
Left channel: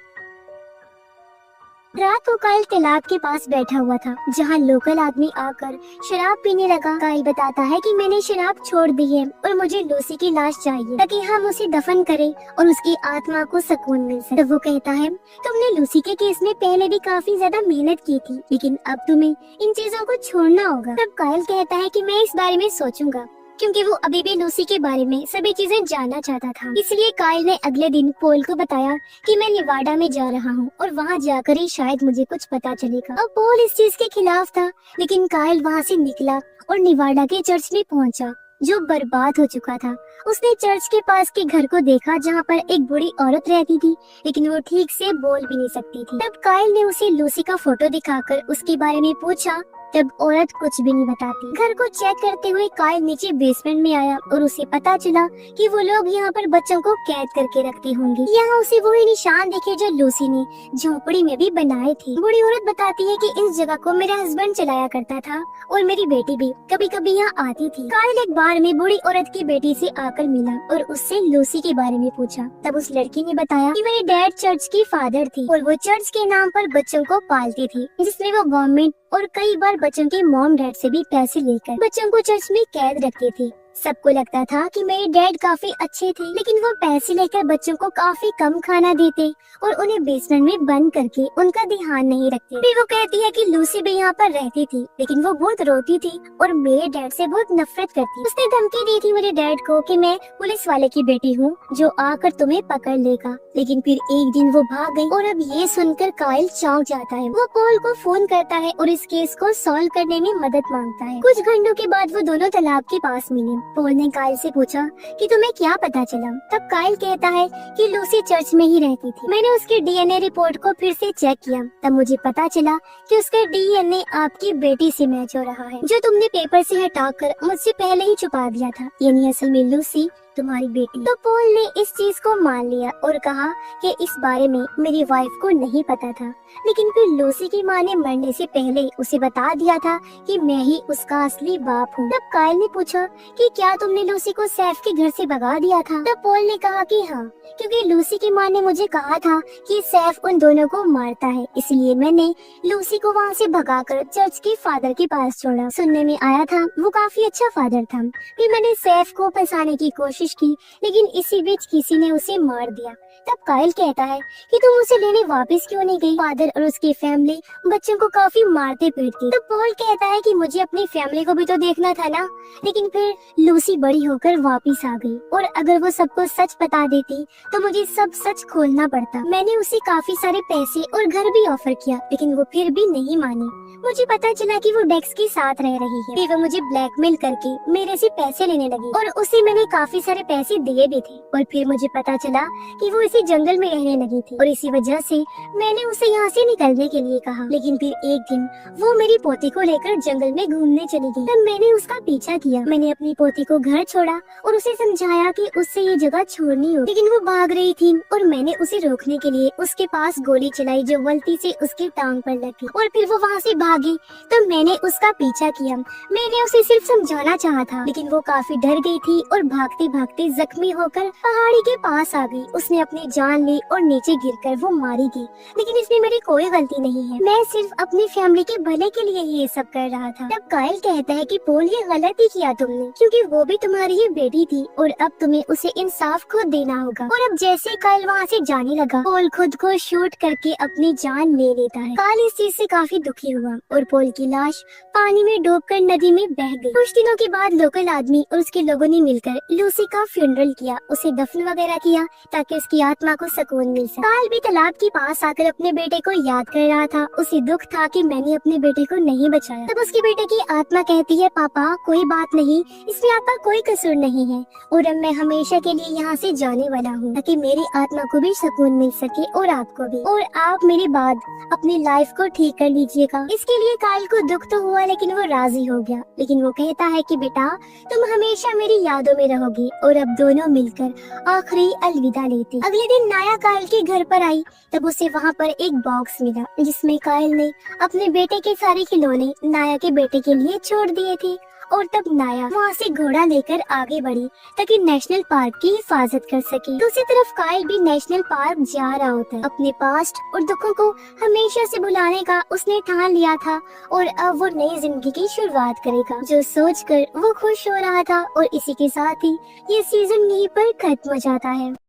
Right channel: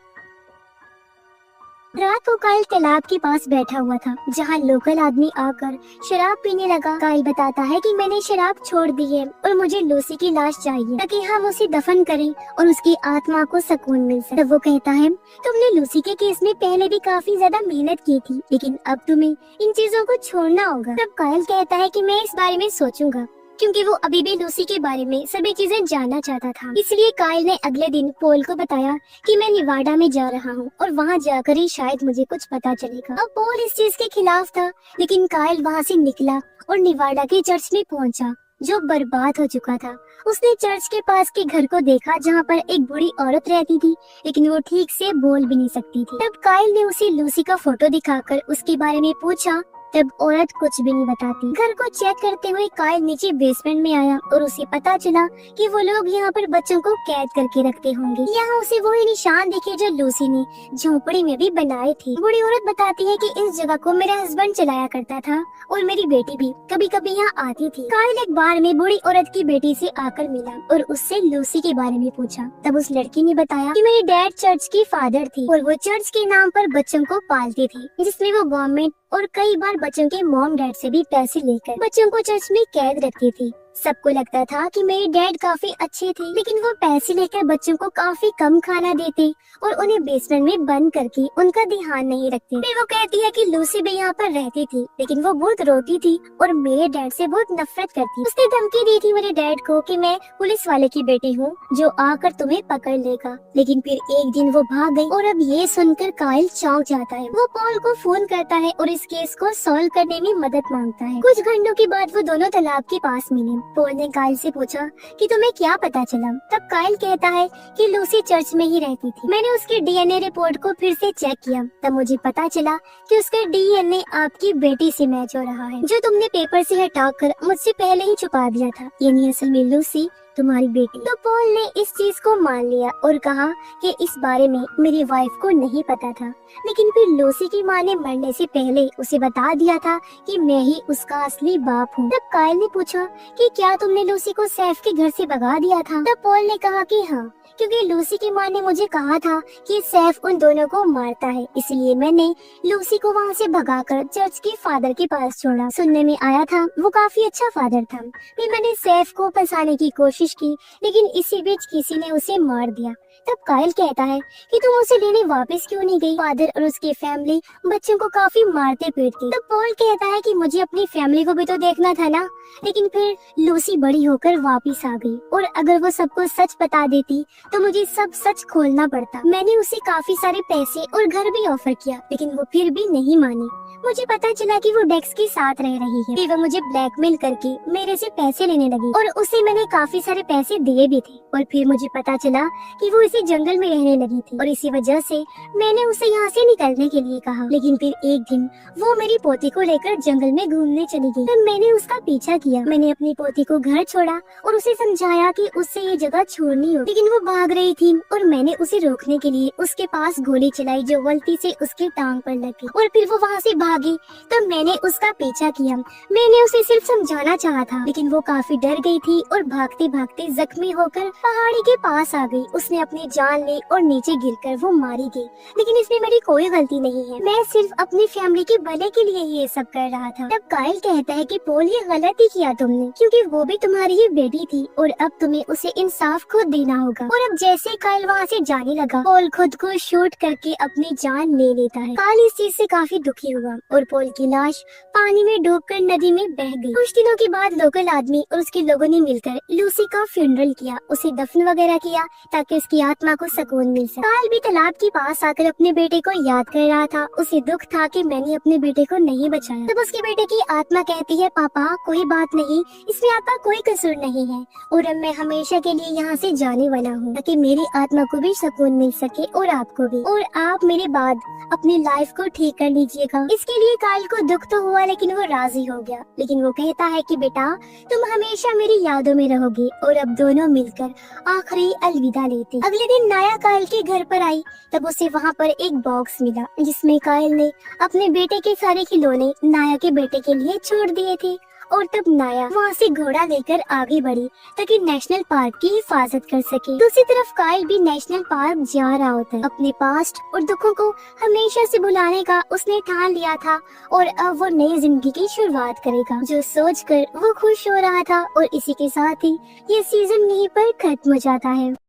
रात को काइल तालाब के पास बैठा हुआ था, जहाँ लोकल आदमी आकर शराब पीने लगा। काइल बताता है कि मैंने शराब छोड़ दी है और मुझे लूसी की लाश चाहिए ताकि हम उसे दफन करें और उसकी आत्मा को सुकून मिल सके। तो वो कहता है तुमने लूसी के केस में पहले भी काफी ज्यादा मेहनत की थी, लेकिन अब तुम्हें इन चीजों को छोड़ना होगा। तब काइल कहता है कि मैं इस बारे में सोचूंगा, क्योंकि वो अभी भी लूसी के बारे में सभी चीजें जानना चाहता था। इसलिए काइल ने अगले दिन पॉल को बताया कि मैं निवाडा में जा रहा हूँ और वहाँ जाकर ही शायद मुझे कुछ पता चलेगा। अब पॉल इस चीज के खिलाफ था, लेकिन काइल वहाँ से निकला और निवाडा के चर्च में पहुँचा, जो बर्बाद हो चुका था। उसने चर्च के पास के घर को देखा, जहाँ पर एक बूढ़ी औरत रहती थी, लेकिन वो ठीक से बोल भी नहीं सकती थी। तब काइल ने उसे लूसी का फोटो दिखाकर उसके बारे में पूछा, तब औरत कुछ भी नहीं बताती। घर को चेक करते हुए काइल नीचे बेसमेंट में आया और उसे पता चला कि वो लोग यहाँ पर बच्चों को कैद करके रखते होंगे। यहाँ उसे वही निशान दिखे जो लूसी ने झोपड़ी में भी बनाए थे। बूढ़ी औरत बताती है कि इस जगह को मेरा हस्बैंड चलाया करता था और मेरी बेटी भी कभी कभी यहाँ आती थी। काइल एक बार में बूढ़ी औरत की बेटी से आकर मिला और उससे लूसी के बारे में पूछा। तब उस लड़की ने बताया कि मेरे डैड चर्च की फादर थी और वो चर्च के नाम पर बच्चों को पालती थी, जिसमें वो गवर्नमेंट और कई बार बच्चों के मॉम डैड से भी पैसे लेकर बच्चों को चर्च में कैद रखती थी। सबको लगता था कि मेरे डैड काफी अच्छे थे, लेकिन वो पैसे लेकर बच्चों को काफी कम खाना देते और उन्हें बेसमेंट में बंद करके उनका ध्यान नहीं रखते। फिर वो कहती है कि लूसी भी यहाँ पर रहती थी, लेकिन वो बहुत रोती थी और मेरे डैड से बहुत नफरत करती। उसने धमकी दी थी मेरे डैड को कि मैं पुलिस वाले की बेटी हूँ जो आकर तुम्हें पकड़ लेगा, लेकिन फिर एक दिन वो भाग गई। और अब ये सुनकर काइल चौंक जाता है। वो पॉल को फोन करता है और इस केस को सॉल्व करने में मदद मांगता है। कुछ घंटों के बाद वो दोनों तालाब के पास मिले। पॉल ने काइल से पूछा कि तुम्हें क्या पता चला। तब काइल कहता है कि लूसी चर्च में ही रहती थी। मैंने उसके डीएनए रिपोर्ट को फिर से चेक किया, तब मुझे पता चला कि उसका डीएनए आपकी बेटी से मैच हो रहा है, जो तुमने पेपर से हटाकर मुझसे पहले ही छुपा दिया था, यानी असल में लूसी तुम्हारी बेटी। तो पॉल ने इस चीज को मान लिया और कहा कि इस बारे में मेरी वाइफ को नहीं पता था, लेकिन फिर लूसी की माँ ने मरने से पहले उसे बता दिया था कि मैं ही उसका असली बाप हूँ। तब काइल ने पूछा कि क्या तुमने लूसी को सैफ के घर से भगा दिया था। तब पॉल ने कहा कि हाँ, क्योंकि लूसी की माँ ने मुझे कहा था कि सैफ उन दोनों को मारता है, इसलिए मैंने लूसी को वहाँ से भगाकर चर्च के फादर के पास छोड़ा। सुनने में आया था वो काफी अच्छा फादर था। फिर मैंने सैफ को फंसाने की कोशिश की, लेकिन इसी बीच किसी ने उसे मार दिया। तब काइल कहता है कि तुम उसे लेने वापस क्यों नहीं गई। फादर और उसकी फैमिली बच्चों को काफी मारते पीटती। तो पॉल कहता है कि मुझे अपनी फैमिली को भी तो देखना था ना, लेकिन फिर लूसी बड़ी होकर वापस आ गई और अगर वो सबको सच बता देती तो मुझे सब सच खोलना पड़ता। मैंने उसे काफी सारे पैसे और घर भी ऑफर किया, लेकिन वो फिर भी नहीं मानी। मुझे पता चला कि वो डेक्स के साथ रह रही है। फिर वो मुझे ब्लैकमेल करके मेरे से पैसे लेने लगी और उसे मैंने काफी सारे पैसे दिए भी थे। और फिर मुझे पता चला कि वो इसी जंगल में रहने लगी थी और इसी वजह से मैंने उसे यहाँ से निकलने के लिए कहा। लेकिन फिर एक दिन वो मेरी पोती को लेकर जंगल में घूमने चली गई। तब मैंने उसका पीछा किया। मैंने अपनी पोती को घर छोड़ा और उसे समझाया कि उससे ये जगह छोड़नी हो, लेकिन वो भाग रही थी और मैंने उसे रोकने के लिए उसके पास गोली चलाई, जो गलती से उसकी टांग पर लगी और फिर वो वहाँ से भागी। तो मैंने उसका पीछा किया। मैंने उसे सिर्फ समझाना चाहा था, लेकिन वो काफी डर गई थी और भागते भागते जख्मी होकर पहाड़ी के पास आ गई। उसने अपनी जान ली और नीचे गिरकर वो मारी गई। लेकिन इसमें मेरी कोई गलती नहीं है, मैं सिर्फ अपनी फैमिली के भले के लिए ये सब कर रहा था। तब काइल कहता है कि पोल ये गलत ही किया तुमने, क्योंकि वो भी तुम्हारी ही बेटी थी और अब तुम्हें उसे इंसाफ खुद देना होगा। और अब जैसे काइल वहाँ से जाने लगा, पोल खुद को शूट करके अपनी जान ले लेता है। काइल इस चीज से काफी दुखी हुआ और पोल की लाश पानी में डूबकर नदी में बह गई। कुछ दिनों के बाद लोकल आदमी और उसके लोगों ने मिलकर लूसी का फ्यूनरल किया, उसे दफन वगैरह किया ताकि उसकी आत्मा को सुकून मिल सके। काइल भी तालाब के पास आकर अपने बेटे को याद कर रहा था। उसे दुख था कि मैंने अपने बेटे को नहीं बचाया। तब उसके बेटे की आत्मा कहती है, पापा कोई बात नहीं, इसमें आपका कोई कसूर नहीं है और अब मैं हमेशा के लिए यहाँ से जाने वाला हूँ ताकि मेरी आत्मा को भी सुकून मिल सके और आपको भी, और आप मेरी बात अपनी लाइफ को ठीक कर लीजिएगा। इसके लिए काइल को दुख तो हुआ लेकिन वो राजी हो गया। लेकिन वो कहता है कि बेटा तुम हमेशा मेरी यादों में रहोगे, और अब दोनों मिलकर आखिरी अलविदा लेते। अगले दिन नाया काइल के घर पर आई। तब उसे वहाँ पर एक बॉक्स मिला जिसमें काइल ने अपने बेटे के सारे खिलौने नाया के बेटे के लिए छोड़ दिए थे। और तब नाया वहाँ से घोड़ा लेकर आगे बढ़ी ताकि नेशनल पार्क की हिफाजत कर सके। दूसरी तरफ काइल भी नेशनल पार्क जा रहा होता है। अपने पास्ट और दुखों को हमेशा से भुलाने का उसने ठान लिया था और अब वो नई जिंदगी की शुरुआत करेगा, जो सोचकर वो खुश हो रहा था। और इसी के साथ ही ये सीजन यहीं पर खत्म हो जाता है।